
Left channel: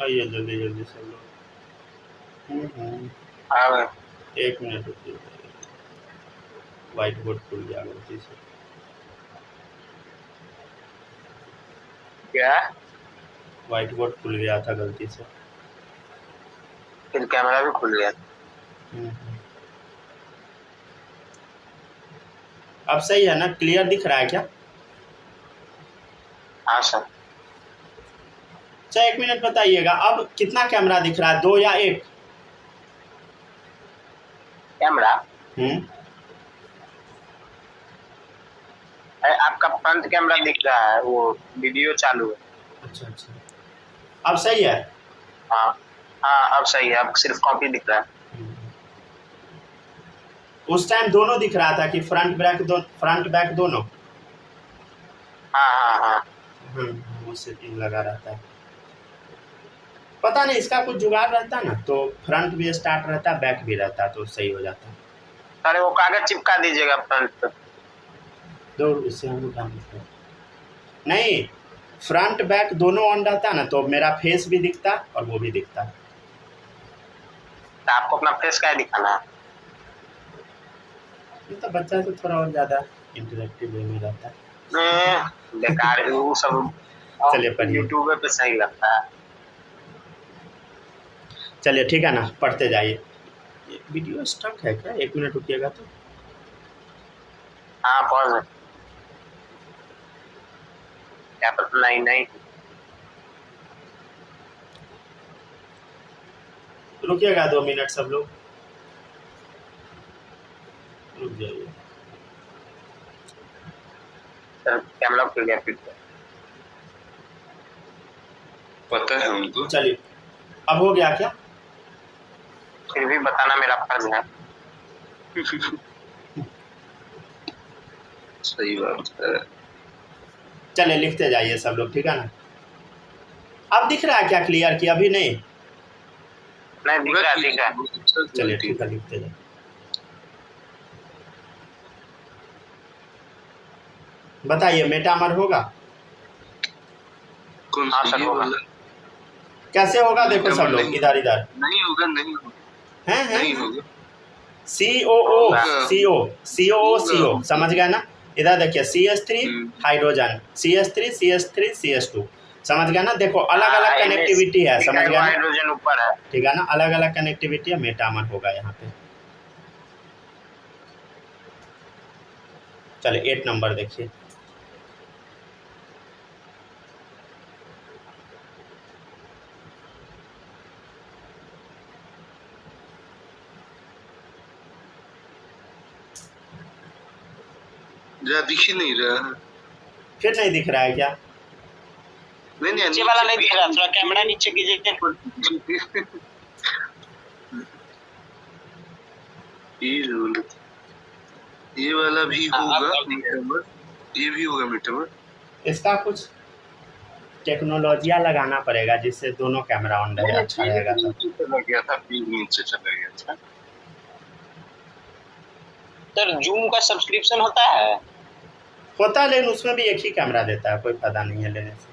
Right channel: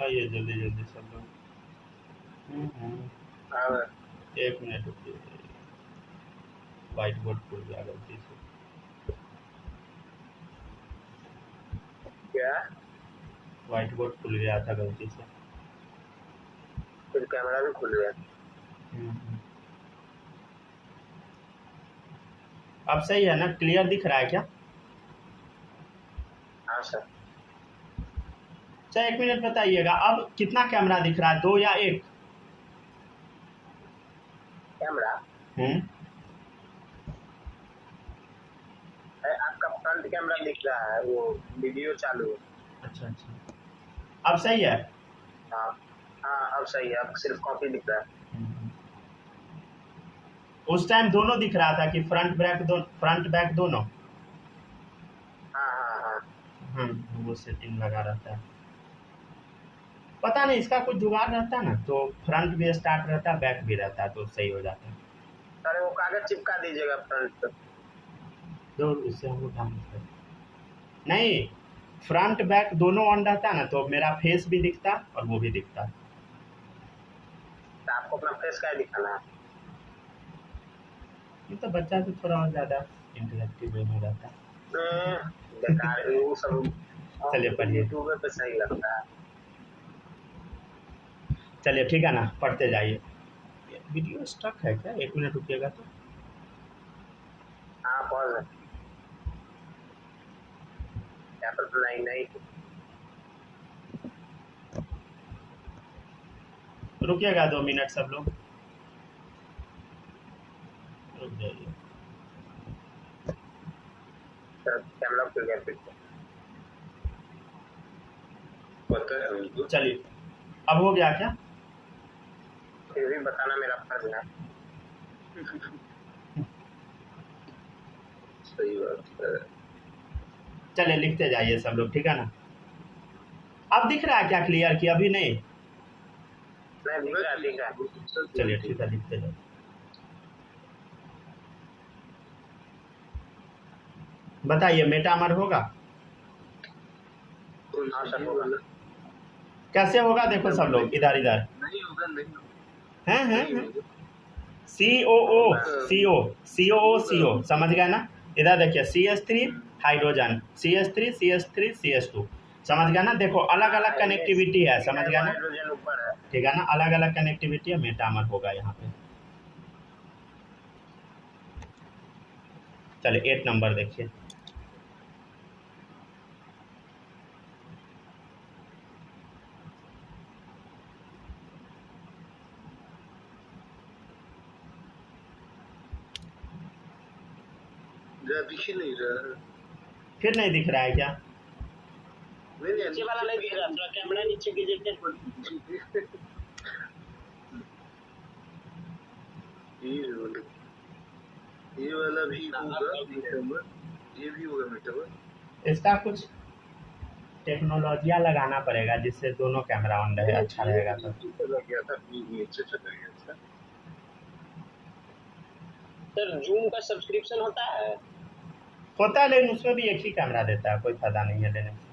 आइए जल्दी जल्दी सब लोग। हाँ भाई। 1 मिनट रुकिए, वाइट बोर्ड खुल गया गलती से। क्या? वाइट बोर्ड खुल गया था गलती से। फिर कैमरा भी खुल गया। अब सही है ना, क्लियर दिख रहा है क्या? हाँ सर। अच्छा 1 मिनट बताइएगा, अब कितना कैमरा दिख रहा है, 2 या 1? कैमरा? अरे आपका फ्रंट कैमरा दिख रहा है, वो वीडियो चालू है। अच्छा अच्छा, अब सही है। हाँ हाँ, अब सही है, अब सिर्फ कॉपी दिख रहा है। उस टाइम दोनों दिख रहा था कि फ्रंट बैक दोनों। हाँ हाँ हाँ। वो सेटिंग लगा रहता है, पता नहीं इसका कुछ जुगाड़ रहता ना, तो फ्रंट भी स्टार्ट रहता, बैक भी रहता, तो सही हो जाता। अरे वो कागज चिपका दीजिएगा फ्रंट पे। दो उससे हम लोग काम करते नहीं, फ्रंट बैक दोनों ऑन रहता ना, तो मेरा फेस भी दिखता और वो भी दिखता। तो आपको अपना फेस क्या दिखाना है? तो बच्चा से थोड़ा और ज़्यादा इंटरेक्टिव वे में रहता है। बेकार है वो सब। चलिए पढ़िए। यूट्यूब पे सही लगता है। चलिए ठीक है ना, पढ़ते जाइए। वीडियो स्टक है क्या? 1 मिनट रुकिएगा तो। हाँ पढ़ क्या पता। नहीं नहीं, रुकिएगा 2 मिनट सब लोग, रुक जाइए। सर कैमरा खुल गया फिर से। पता है उनको। चलिए अब हो गया क्या? फिर भी बताना मेरा फर्ज है। सही बात है। चले लिखते जाइए सब लोग, ठीक है ना। अब दिख रहा है क्या क्लियर कि अभी नहीं? नहीं दिख रहा है, दिख रहा है। चलिए ठीक है, लिखते जाइए। बताइए मेटामर होगा? कौन हाँ, सा सर, ये होगा। वाला? कैसे होगा देखो सब लोग, इधर इधर नहीं होगा, नहीं होगा, हैं नहीं हैं होगा। COO CO COO CO होगा। समझ गया ना। इधर देखिए CH3 hydrogen, CH3 CH3 CH2 समझ गया ना। देखो अलग अलग कनेक्टिविटी है, समझ गया ना। हाइड्रोजन ऊपर है। ठीक है ना, अलग अलग कनेक्टिविटी है, मेटामर होगा यहाँ पे। चलिए 8 नंबर देखिए। जरा दिख ही नहीं रहा है। फिर नहीं दिख रहा है क्या? नहीं नहीं, नीचे वाला नहीं दिख रहा, थोड़ा कैमरा नीचे कीजिए। ये वाला भी होगा मेटामर, ये भी होगा मेटामर। इसका कुछ टेक्नोलॉजिया लगाना पड़ेगा जिससे दोनों कैमरा ऑन रहे, अच्छा रहेगा। तो चला गया था, नीचे चला गया था। सर जूम का सब्सक्रिप्शन होता है? होता है, लेकिन उसमें भी एक ही कैमरा देता है, कोई फायदा नहीं है लेने से।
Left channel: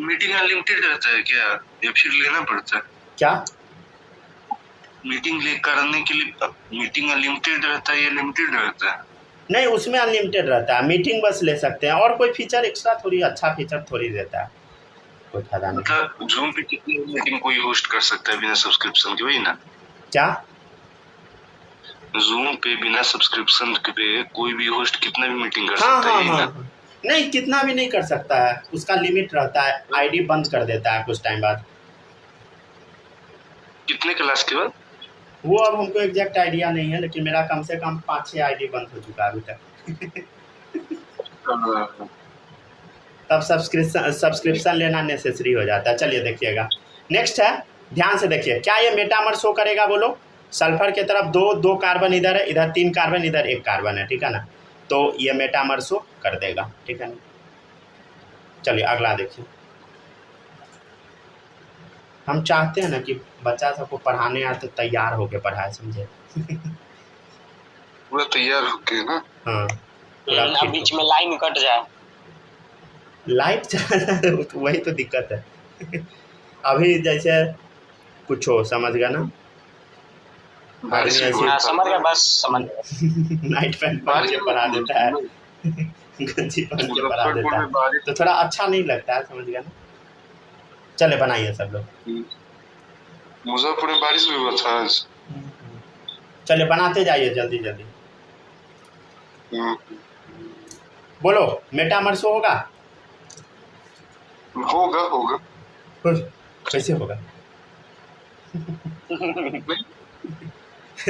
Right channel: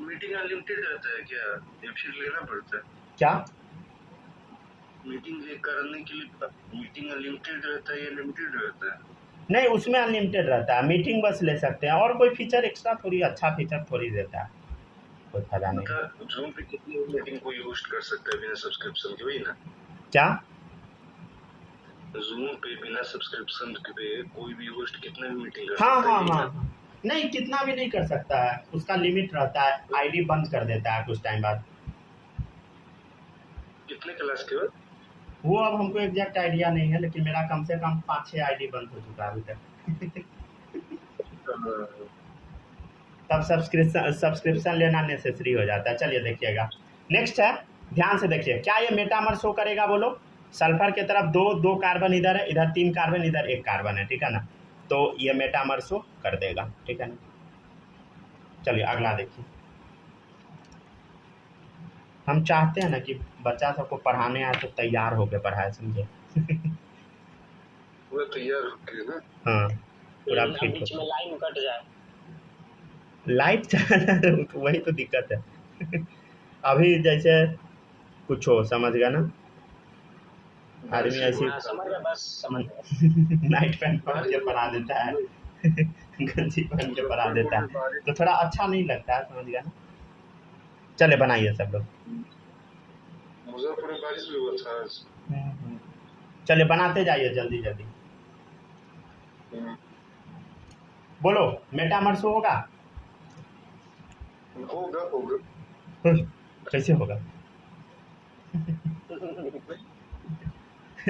मीटिंग अनलिमिटेड रहता है क्या, या फिर लेना पड़ता है? क्या मीटिंग करने के लिए मीटिंग अनलिमिटेड रहता है या लिमिटेड रहता है? नहीं, उसमें अनलिमिटेड रहता है, मीटिंग बस ले सकते हैं, और कोई फीचर एक्स्ट्रा थोड़ी, अच्छा फीचर थोड़ी देता है, कोई फायदा नहीं। मतलब जूम पे कितनी मीटिंग कोई होस्ट कर सकता है बिना सब्सक्रिप्शन के, वही ना? क्या जूम पे बिना सब्सक्रिप्शन के कोई भी होस्ट कितना भी मीटिंग कर हाँ सकता हाँ है, हाँ यही ना? नहीं, कितना भी नहीं कर सकता है, उसका लिमिट रहता है, आईडी बंद कर देता है कुछ टाइम बाद। कितने क्लास के बाद? वो अब हमको एग्जैक्ट आइडिया नहीं है, लेकिन मेरा कम से कम 5-6 आईडी बंद हो चुका है अभी तक। तब सब्सक्रिप्शन लेना नेसेसरी हो जाता है। चलिए देखिएगा, नेक्स्ट है, ध्यान से देखिए, क्या ये मेटामर शो करेगा बोलो? सल्फर के तरफ दो कार्बन इधर है, इधर 3 कार्बन, इधर 1 कार्बन है, ठीक है ना। तो ये मेटामर शो कर देगा, ठीक है ना। चलिए अगला देखिए। हम चाहते हैं ना कि बच्चा सबको पढ़ाने आए तो तैयार होके पढ़ाए, समझे। पूरा तैयार होके ना। हाँ, पूरा बीच में लाइन कट जाए, लाइट चला जाए तो वही तो दिक्कत है। अभी जैसे कुछ हो, समझ गया ना, आदमी ऐसी समझ गया, बस समझ नाइट पैंट पहन के पढ़ा देता है, गंजी पहन के पढ़ा देता है, तो थोड़ा अच्छा नहीं लगता है, समझ गया ना। चले बनाइए सब लोग। मुजफ्फरपुर में बारिश भी हुआ था आज। चले बनाते जाइए जल्दी जल्दी। बोलो मेटामर शो होगा? होगा होगा। कैसे होगा?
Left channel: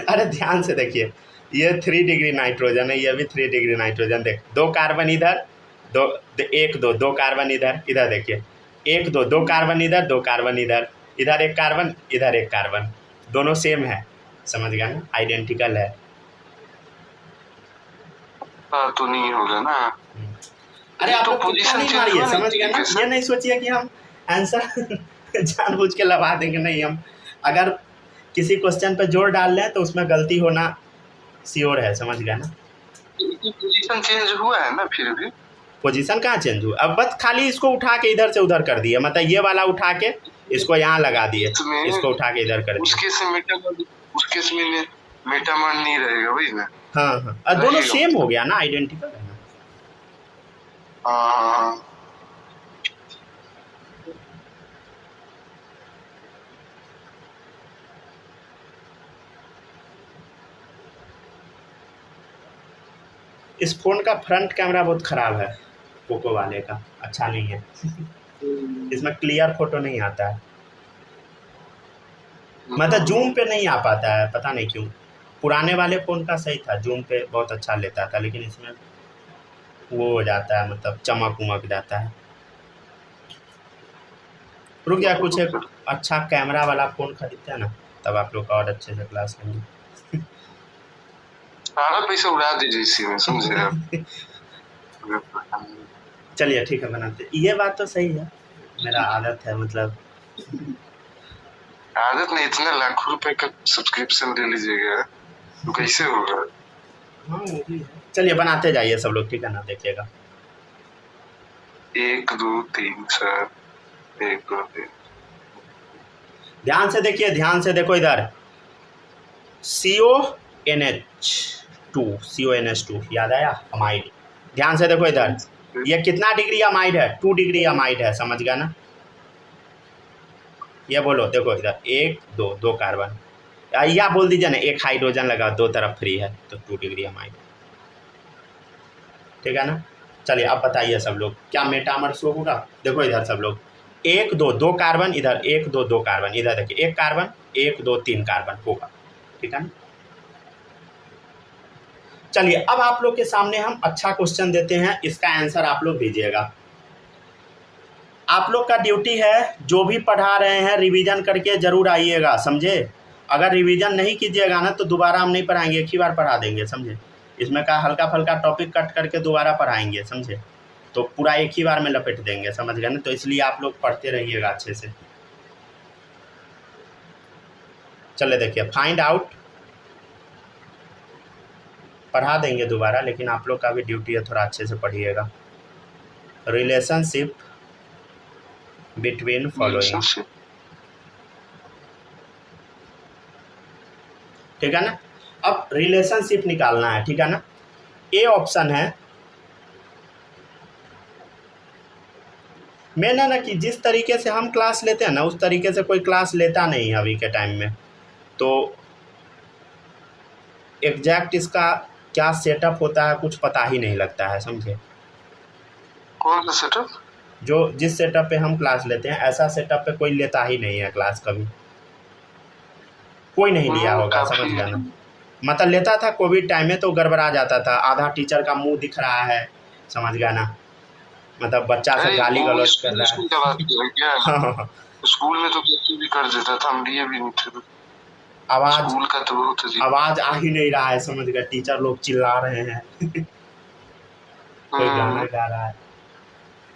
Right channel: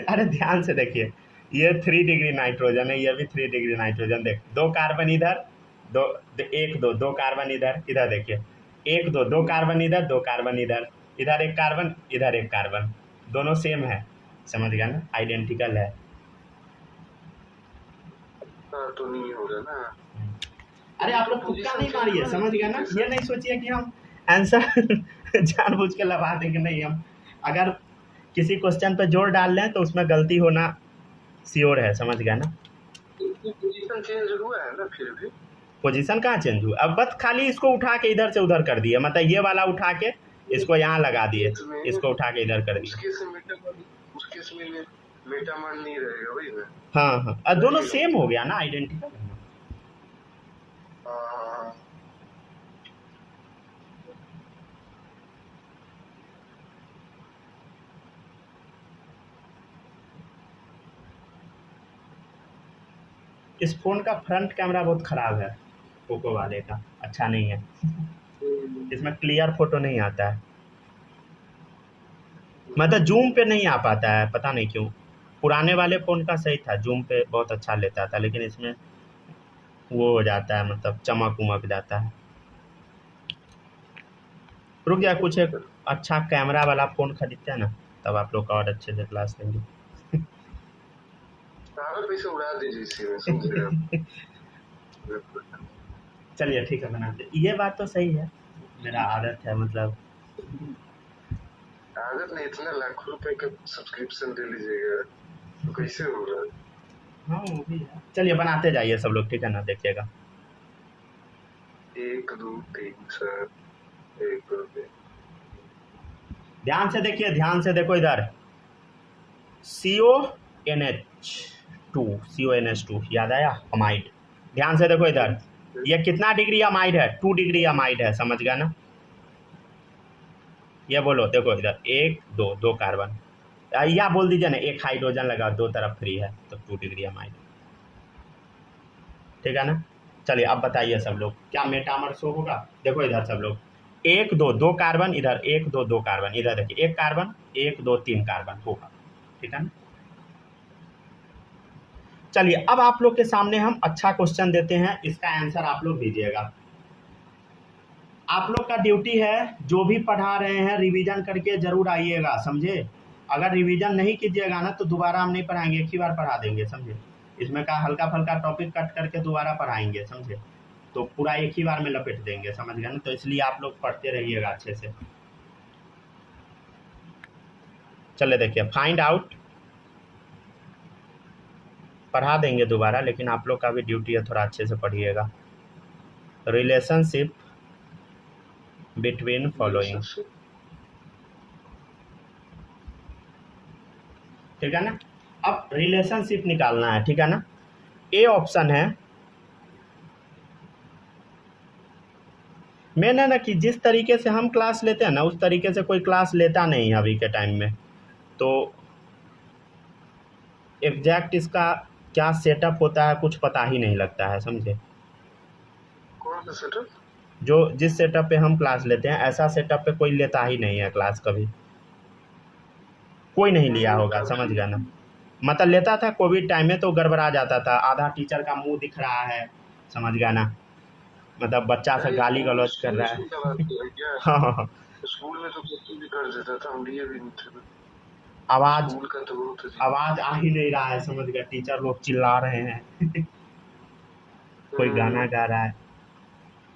अरे ध्यान से देखिए, ये 3 डिग्री नाइट्रोजन है, ये भी 3 डिग्री नाइट्रोजन। देख, 2 कार्बन इधर, 2 कार्बन इधर, इधर देखिए 1 2 कार्बन इधर, 2 कार्बन इधर, इधर 1 कार्बन, इधर 1 कार्बन, दोनों सेम है, समझ गया ना, आइडेंटिकल है। हाँ तो नहीं होगा ना। अरे आप लोग तुक्का नहीं मारिए, समझ गया ना। ये नहीं सोचिए कि हम आंसर जानबूझ के लगा देंगे, नहीं। हम अगर किसी क्वेश्चन पे जोर डाल लें तो उसमें गलती होना श्योर है, समझ गया ना। पोजीशन चेंज हुआ है ना, फिर भी पोजीशन कहाँ चेंज हुआ? अब बस खाली इसको उठा के इधर से उधर कर दिए, मतलब ये वाला उठा के इसको यहाँ लगा दिए, इसको उठा के इधर कर दिए। उसके से मेटामर नहीं रहेगा, वही ना। हाँ हाँ, और दोनों सेम हो गया ना, आइडेंटिकल है ना। हाँ इस फ़ोन का फ्रंट कैमरा बहुत ख़राब है, पोको वाले का अच्छा नहीं है। इसमें क्लियर फ़ोटो नहीं आता है, मतलब जूम पे नहीं आ पाता है, पता नहीं क्यों। पुराने वाले फ़ोन का सही था, जूम पे बहुत अच्छा लेता था, लेकिन इसमें वो हो जाता है, मतलब चमक उमक जाता है। रुक गया, कुछ एक अच्छा कैमरा वाला फ़ोन खरीदते हैं ना, तब आप लोग का और अच्छे से क्लास लेंगे। सारा पैसा उड़ा दीजिए इसी में, समझे आप? चलिए ठीक है, बनाते। ये बात तो सही है, मेरा आदत है, मतलब आदत नहीं, इतने लाखों रुपए का सब्सक्रिप्शन ले लीजिएगा तो कैसे होगा? हाँ वो भी है। चलिए बनाते जाइए सब लोग, ठीक है ना, देखिएगा। 1 2 3 4 1 2 3। ध्यान से देखिए, ध्यान से देखो इधर, CONH2 याद आया, अमाइड। ध्यान से देखो इधर, ये कितना डिग्री अमाइड है? 2 डिग्री अमाइड है, समझ गया ना? ये बोलो, देखो इधर 1 2 2 कार्बन, या बोल दीजिए ना 1 हाइड्रोजन लगा, 2 तरफ फ्री है, तो 2 डिग्री अमाइड, ठीक है ना? चलिए अब बताइए सब लोग, क्या मेटामर शो होगा? देखो इधर सब लोग, 1 2 2 कार्बन, इधर 1 2 2 कार्बन, इधर देखिए 1 कार्बन, 1 2 3 कार्बन होगा, ठीक है ना? चलिए अब आप लोग के सामने हम अच्छा क्वेश्चन देते हैं, इसका आंसर आप लोग दीजिएगा। आप लोग का ड्यूटी है, जो भी पढ़ा रहे हैं रिवीजन करके ज़रूर आइएगा, समझे? अगर रिवीजन नहीं कीजिएगा ना तो दोबारा हम नहीं पढ़ाएंगे, एक ही बार पढ़ा देंगे, समझे? इसमें का हल्का फल्का टॉपिक कट करके दोबारा पढ़ाएंगे, समझे? तो पूरा एक ही बार में लपेट देंगे, समझ गए ना? तो इसलिए आप लोग पढ़ते रहिएगा अच्छे से। चलिए देखिए, फाइंड आउट, पढ़ा देंगे दोबारा, लेकिन आप लोग का भी ड्यूटी है, थोड़ा अच्छे से पढ़िएगा। रिलेशनशिप बिटवीन फॉलोइंग, ठीक है ना? अब रिलेशनशिप निकालना है, ठीक है ना? ए ऑप्शन है, मैंने ना कि जिस तरीके से हम क्लास लेते हैं ना उस तरीके से कोई क्लास लेता नहीं है अभी के टाइम में, तो एग्जैक्ट इसका क्या सेटअप होता है कुछ पता ही नहीं लगता है, समझे? कौन सा सेटअप? जो जिस सेटअप पे हम क्लास लेते हैं, ऐसा सेटअप पे कोई लेता ही नहीं है क्लास, कभी कोई नहीं लिया होगा, समझ गया ना? मतलब लेता था कोविड टाइम में तो गड़बड़ा जाता था, आधा टीचर का मुंह दिख रहा है, समझ गया ना? मतलब बच्चा से गाली गलौज कर रहा है। हाँ, स्कूल में तो कुछ भी कर देता था, हम लिए भी नहीं थे। आवाज स्कूल का तो बहुत अजीब, आवाज आ ही नहीं रहा है, समझ गया? टीचर लोग चिल्ला रहे हैं कोई गाना गा रहा है,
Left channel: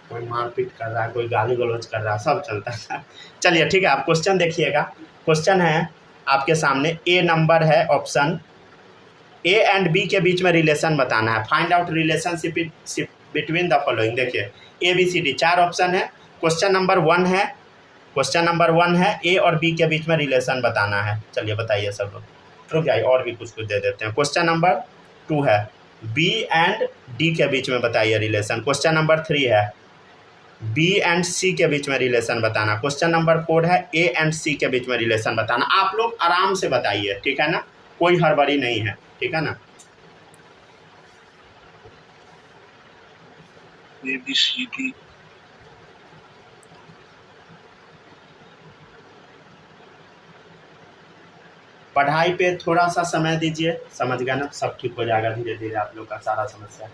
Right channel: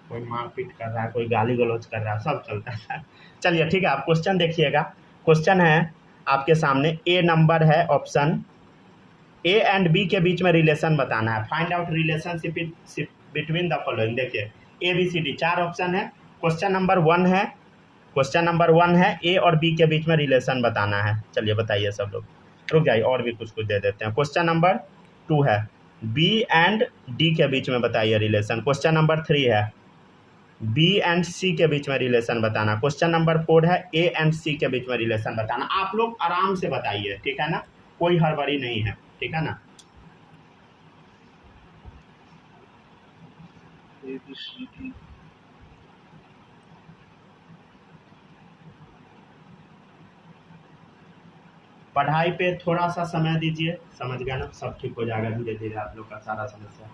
कोई मारपीट कर रहा है, कोई गाली गलौज कर रहा है, सब चलता था। चलिए ठीक है, आप क्वेश्चन देखिएगा। क्वेश्चन है आपके सामने, ए नंबर है ऑप्शन, ए एंड बी के बीच में रिलेशन बताना है। Find out relationship between the following. देखिए ABCD 4 ऑप्शन है। क्वेश्चन नंबर 1 है, क्वेश्चन नंबर 1 है, ए और बी के बीच में रिलेशन बताना है। चलिए बताइए सब लोग, रुक जाइए और भी कुछ दे देते हैं। क्वेश्चन नंबर 2 है, बी एंड डी के बीच में बताइए रिलेशन। क्वेश्चन नंबर 3 है, बी एंड सी के बीच में रिलेशन बताना। क्वेश्चन नंबर 4 है, ए एंड सी के बीच में रिलेशन बताना। आप लोग आराम से बताइए, ठीक है ना? कोई हड़बड़ी नहीं है, ठीक है ना? ABCD पढ़ाई पे थोड़ा सा समय दीजिए, समझ गया ना? सब ठीक हो जाएगा धीरे धीरे, आप लोग का सारा समस्या।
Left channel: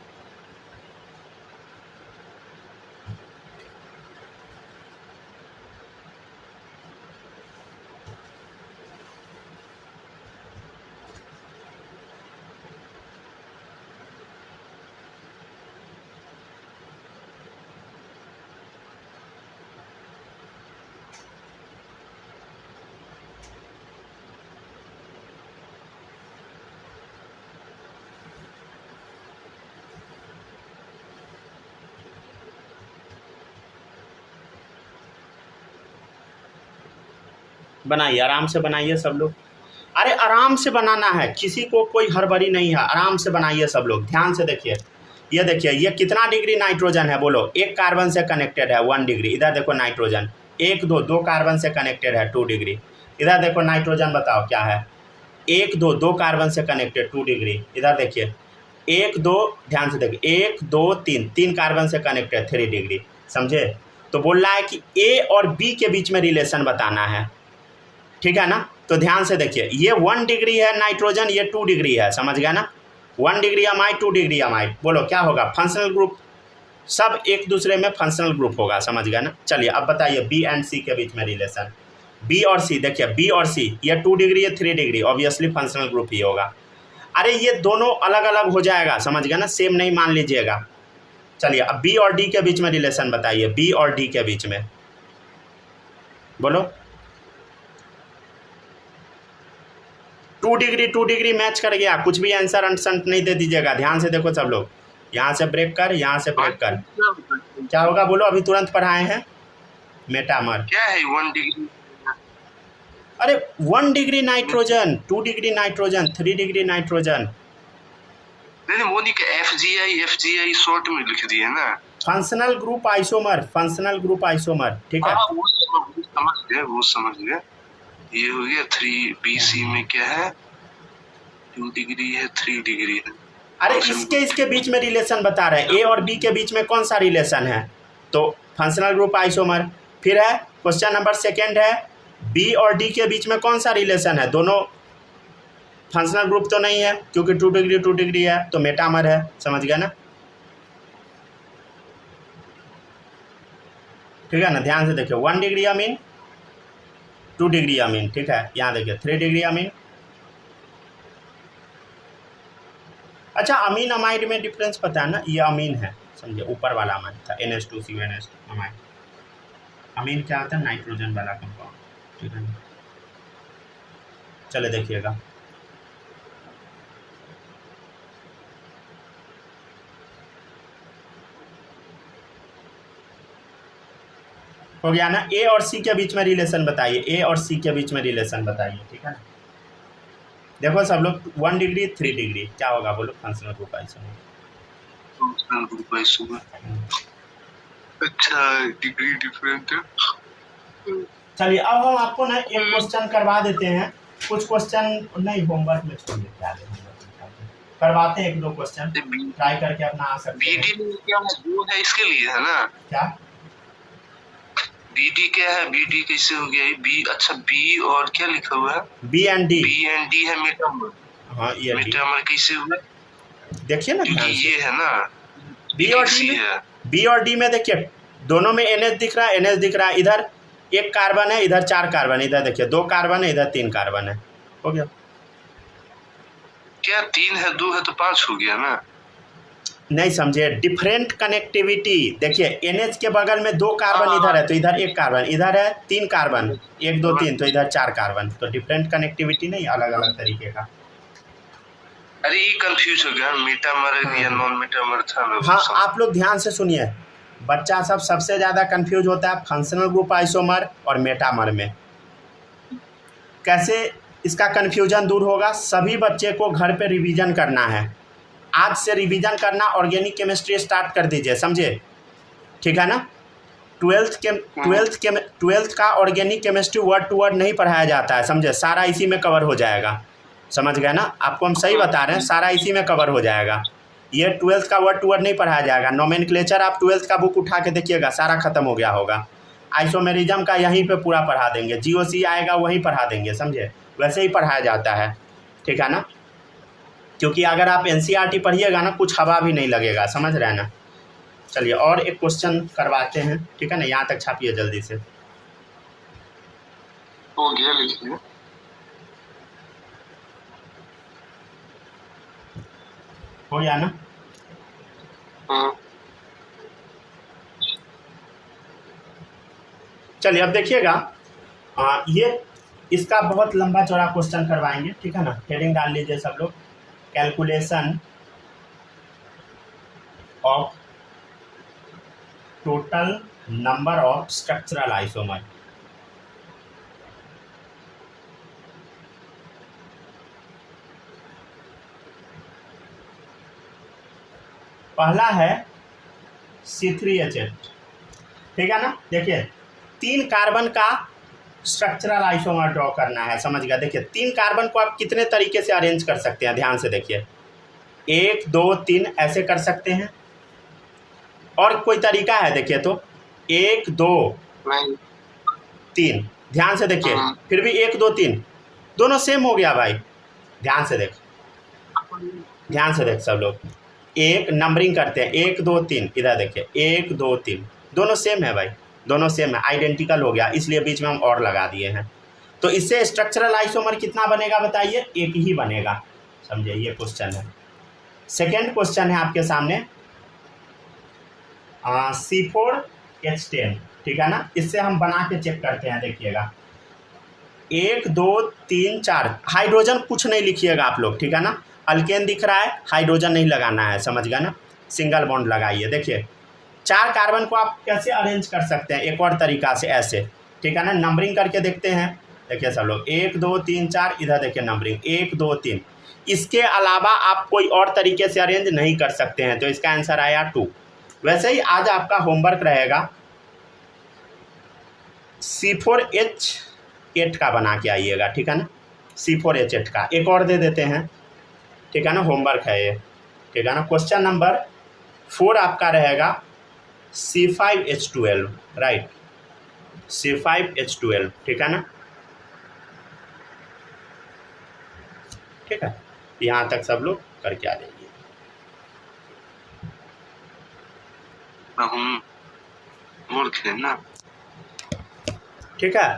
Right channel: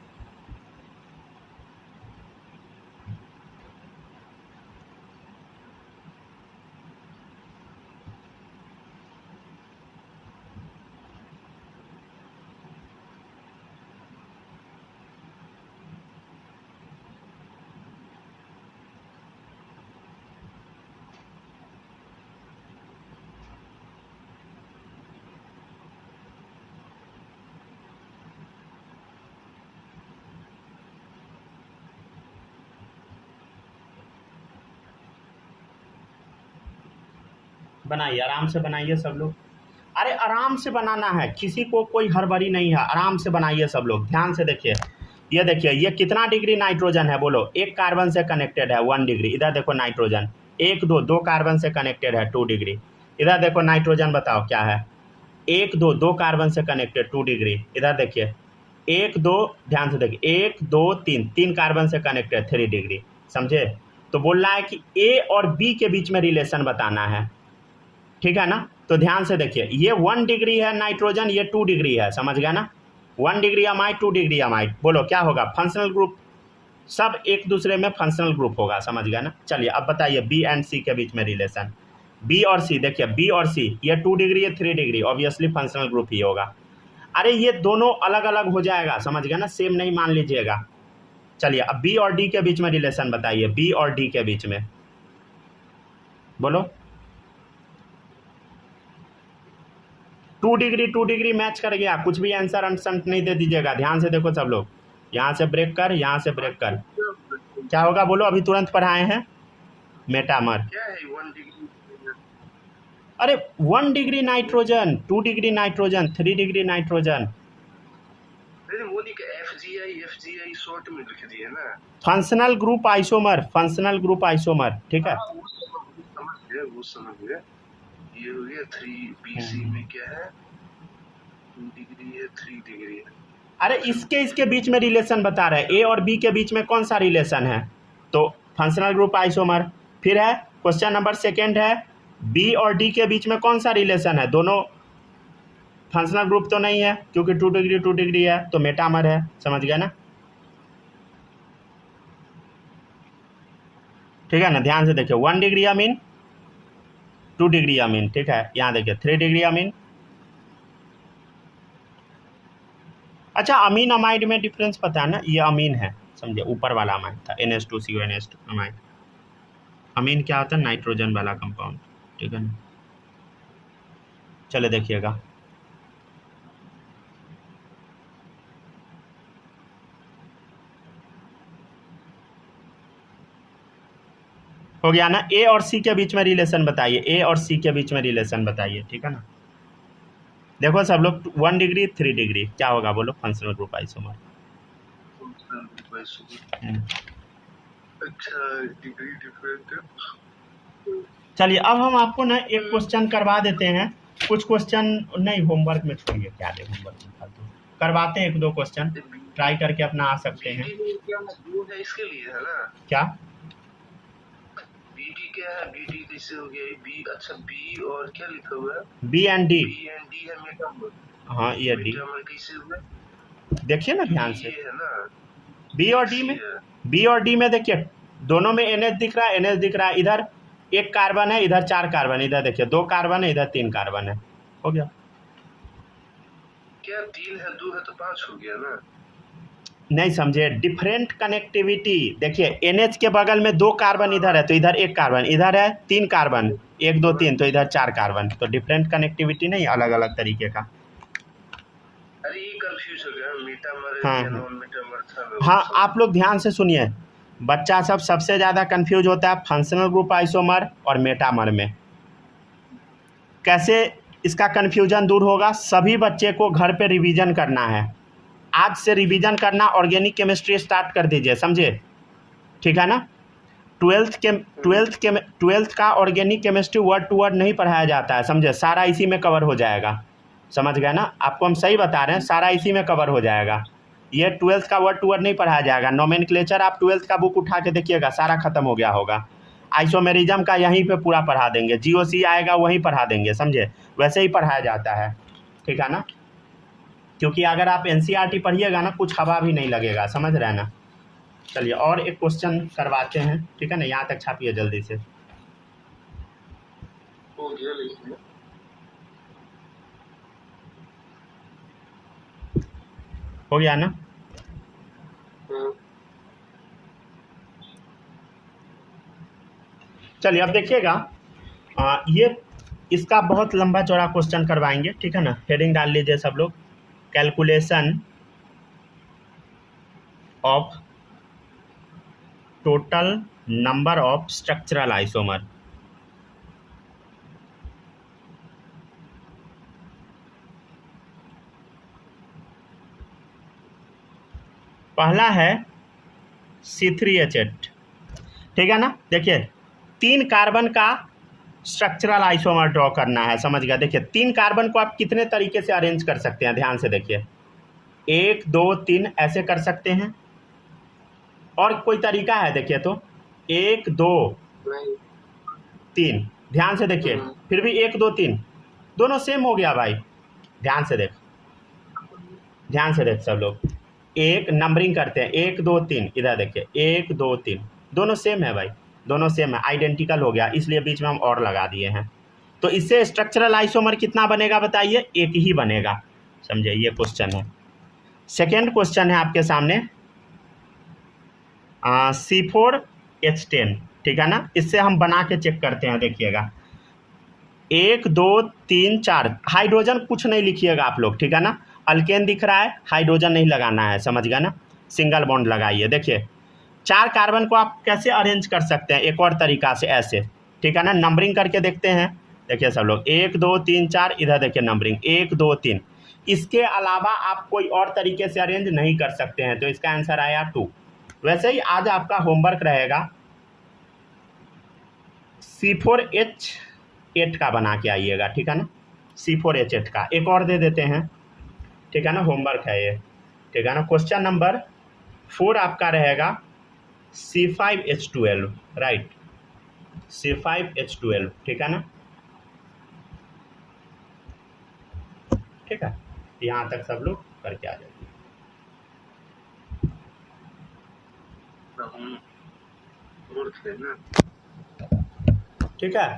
बनाइए, आराम से बनाइए सब लोग। अरे आराम से बनाना है, किसी को कोई हड़बड़ी नहीं है, आराम से बनाइए सब लोग। ध्यान से देखिए, ये देखिए, ये कितना डिग्री नाइट्रोजन है बोलो? 1 कार्बन से कनेक्टेड है 1 डिग्री। इधर देखो नाइट्रोजन 1 2 2 कार्बन से कनेक्टेड है 2 डिग्री। इधर देखो नाइट्रोजन, बताओ क्या है? 1 2 2 कार्बन से कनेक्टेड 2 डिग्री। इधर देखिए 1 2, ध्यान से देखिए 1 2 3 3 कार्बन से कनेक्टेड 3 डिग्री, समझे? तो बोल रहा है कि ए और बी के बीच में रिलेशन बताना है, ठीक है ना? तो ध्यान से देखिए, ये 1 डिग्री है नाइट्रोजन, ये 2 डिग्री है, समझ गया ना? 1 डिग्री अमाइड 2 डिग्री अमाइड, बोलो क्या होगा? फंक्शनल ग्रुप, सब एक दूसरे में फंक्शनल ग्रुप होगा, समझ गया ना। चलिए अब बताइए बी एंड सी के बीच में रिलेशन। बी और सी, देखिए बी और सी ये 2 डिग्री है 3 डिग्री, ऑब्वियसली फंक्शनल ग्रुप ही होगा। अरे ये दोनों अलग अलग हो जाएगा, समझ गया ना, सेम नहीं मान लीजिएगा। चलिए अब बी और डी के बीच में रिलेशन बताइए, बी और डी के बीच में बोलो। 2 डिग्री मैच कर गया, कुछ भी आंसर अंट नहीं दे दीजिएगा, ध्यान से देखो सब लोग। यहाँ से ब्रेक कर, यहाँ से ब्रेक कर, क्या होगा बोलो, अभी तुरंत पढ़ाए हैं मेटामर। क्या है 1 डिग्री? अरे 1 degree nitrogen, 2 degree nitrogen, 3 degree nitrogen. नहीं वो नहीं, FGI शॉर्ट में लिख दिए ना। Functional group isomer, functional group isomer, ठीक है। वो समझ गए। ये हो गया 3BC में क्या है, 2 डिग्री है 3 डिग्री है। अरे इसके बीच में रिलेशन बता रहे हैं, ए और बी के बीच में कौन सा रिलेशन है, तो फंक्शनल ग्रुप आइसोमर। फिर है क्वेश्चन नंबर 2 है, बी और डी के बीच में कौन सा रिलेशन है, दोनों फंक्शनल ग्रुप तो नहीं है क्योंकि 2 डिग्री है, तो मेटामर है, समझ गया ना। ठीक है ना, ध्यान से देखिए 1 डिग्री अमीन, 2 डिग्री अमीन, ठीक है। यहाँ देखिए 3 डिग्री अमीन। अच्छा अमीन अमाइड में डिफरेंस पता है ना, ये अमीन है, समझे, ऊपर वाला अमाइड था NH2CO NH2 अमाइड। अमीन क्या होता है, नाइट्रोजन वाला कंपाउंड, ठीक है ना। चले देखिएगा, हो गया ना। ए और सी के बीच में रिलेशन बताइए, ए और सी के बीच में रिलेशन बताइए, ठीक है ना। देखो सब लोग 1 डिग्री 3 डिग्री, क्या होगा बोलो, फंक्शनल ग्रुप आइसोमर। अच्छा डिग्री डिफरेंट है। चलिए अब हम आपको ना एक क्वेश्चन करवा देते हैं, कुछ क्वेश्चन नहीं होमवर्क में छोड़िए, क्या है होमवर्क में करवाते हैं, 1-2 क्वेश्चन ट्राई करके अपना आ सकते हैं। क्या है इसके लिए है ना, क्या BD क्या है, BD कैसे हो गया बी? अच्छा बी और क्या लिखा हुआ है, बी एंड डी है मेटामर। हाँ ये मेटामर कैसे हुआ, देखिए ना ध्यान से, ये है ना बी और डी में, बी और डी में देखिए दोनों में NH दिख रहा है, NH दिख रहा है, इधर 1 कार्बन है, इधर 4 कार्बन, इधर देखिए 2 कार्बन है, इधर 3 कार्बन है, हो गया। क्या 3 है 2 है तो 5 हो गया ना, नहीं समझे, डिफरेंट कनेक्टिविटी। देखिए NH के बगल में 2 कार्बन इधर है, तो इधर 1 कार्बन, इधर है 3 कार्बन, 1 2 3, तो इधर 4 कार्बन, तो डिफरेंट कनेक्टिविटी नहीं, अलग अलग तरीके का। अरे ये कंफ्यूज हो गया, मेटामर या नॉन मेटामर था ना। हाँ आप लोग ध्यान से सुनिए, बच्चा सब सबसे ज़्यादा कंफ्यूज होता है फंक्शनल ग्रुप आइसोमर और मेटामर में। कैसे इसका कन्फ्यूजन दूर होगा, सभी बच्चे को घर पे रिवीजन करना है, आज से रिवीजन करना, ऑर्गेनिक केमिस्ट्री स्टार्ट कर दीजिए, समझे, ठीक है ना। 12th का organic chemistry word to word नहीं पढ़ाया जाता है, समझे, सारा इसी में कवर हो जाएगा, समझ गए ना। आपको हम सही बता रहे हैं, सारा इसी में कवर हो जाएगा, ये 12th का वर्ड टू वर्ड नहीं पढ़ाया जाएगा। नोमेनक्लेचर आप 12th का बुक उठा के देखिएगा, सारा खत्म हो गया होगा। आइसोमेरिज्म का यहीं पे पूरा पढ़ा देंगे, GOC आएगा वहीं पढ़ा देंगे, समझे, वैसे ही पढ़ाया जाता है, ठीक है ना। क्योंकि अगर आप NCERT पढ़िएगा ना, कुछ हवा भी नहीं लगेगा, समझ रहे हैं ना। चलिए और एक क्वेश्चन करवाते हैं, ठीक है ना, यहाँ तक छापिए जल्दी से। हो गया लिखिए, हो गया ना। चलिए अब देखिएगा, ये इसका बहुत लंबा चौड़ा क्वेश्चन करवाएंगे, ठीक है ना। हेडिंग डाल लीजिए सब लोग, calculation of total number of structural isomer. पहला है C3H8, ठीक है ना। देखिए 3 कार्बन का स्ट्रक्चरल आइसोमर ड्रॉ करना है, समझ गया। देखिए 3 कार्बन को आप कितने तरीके से अरेंज कर सकते हैं, ध्यान से देखिए, 1 2 3 ऐसे कर सकते हैं, और कोई तरीका है देखिए तो 1 2 3, ध्यान से देखिए, फिर भी 1 2 3 दोनों सेम हो गया भाई, ध्यान से देख, ध्यान से देख सब लोग, एक नंबरिंग करते हैं 1 2 3, इधर देखिए 1 2 3 दोनों सेम है भाई, दोनों सेम है, आइडेंटिकल हो गया, इसलिए बीच में हम और लगा दिए हैं। तो इससे स्ट्रक्चरल आइसोमर कितना बनेगा बताइए, एक ही बनेगा, समझे, ये क्वेश्चन है। सेकेंड क्वेश्चन है आपके सामने C4H10, ठीक है ना, इससे हम बना के चेक करते हैं, देखिएगा 1 2 3 4, हाइड्रोजन कुछ नहीं लिखिएगा आप लोग, ठीक है ना, अल्केन दिख रहा है, हाइड्रोजन नहीं लगाना है, समझ गया ना, सिंगल बॉन्ड लगाइए। देखिए 4 कार्बन को आप कैसे अरेंज कर सकते हैं, एक और तरीका से ऐसे, ठीक है ना, नंबरिंग करके देखते हैं। देखिए सब लोग 1 2 3 4, इधर देखिए नंबरिंग 1 2 3, इसके अलावा आप कोई और तरीके से अरेंज नहीं कर सकते हैं, तो इसका आंसर आया 2। वैसे ही आज आपका होमवर्क रहेगा C4H8 का बना के आइएगा, ठीक है ना, C4H8 का एक और दे देते हैं, ठीक है ना, होमवर्क है ये, ठीक है ना। क्वेश्चन नंबर 4 आपका रहेगा C5H12, राइट, C5H12, ठीक है ना, ठीक है, यहाँ तक सब लोग करके आ जाइए। हम मूर्ख हैं ना। ठीक है।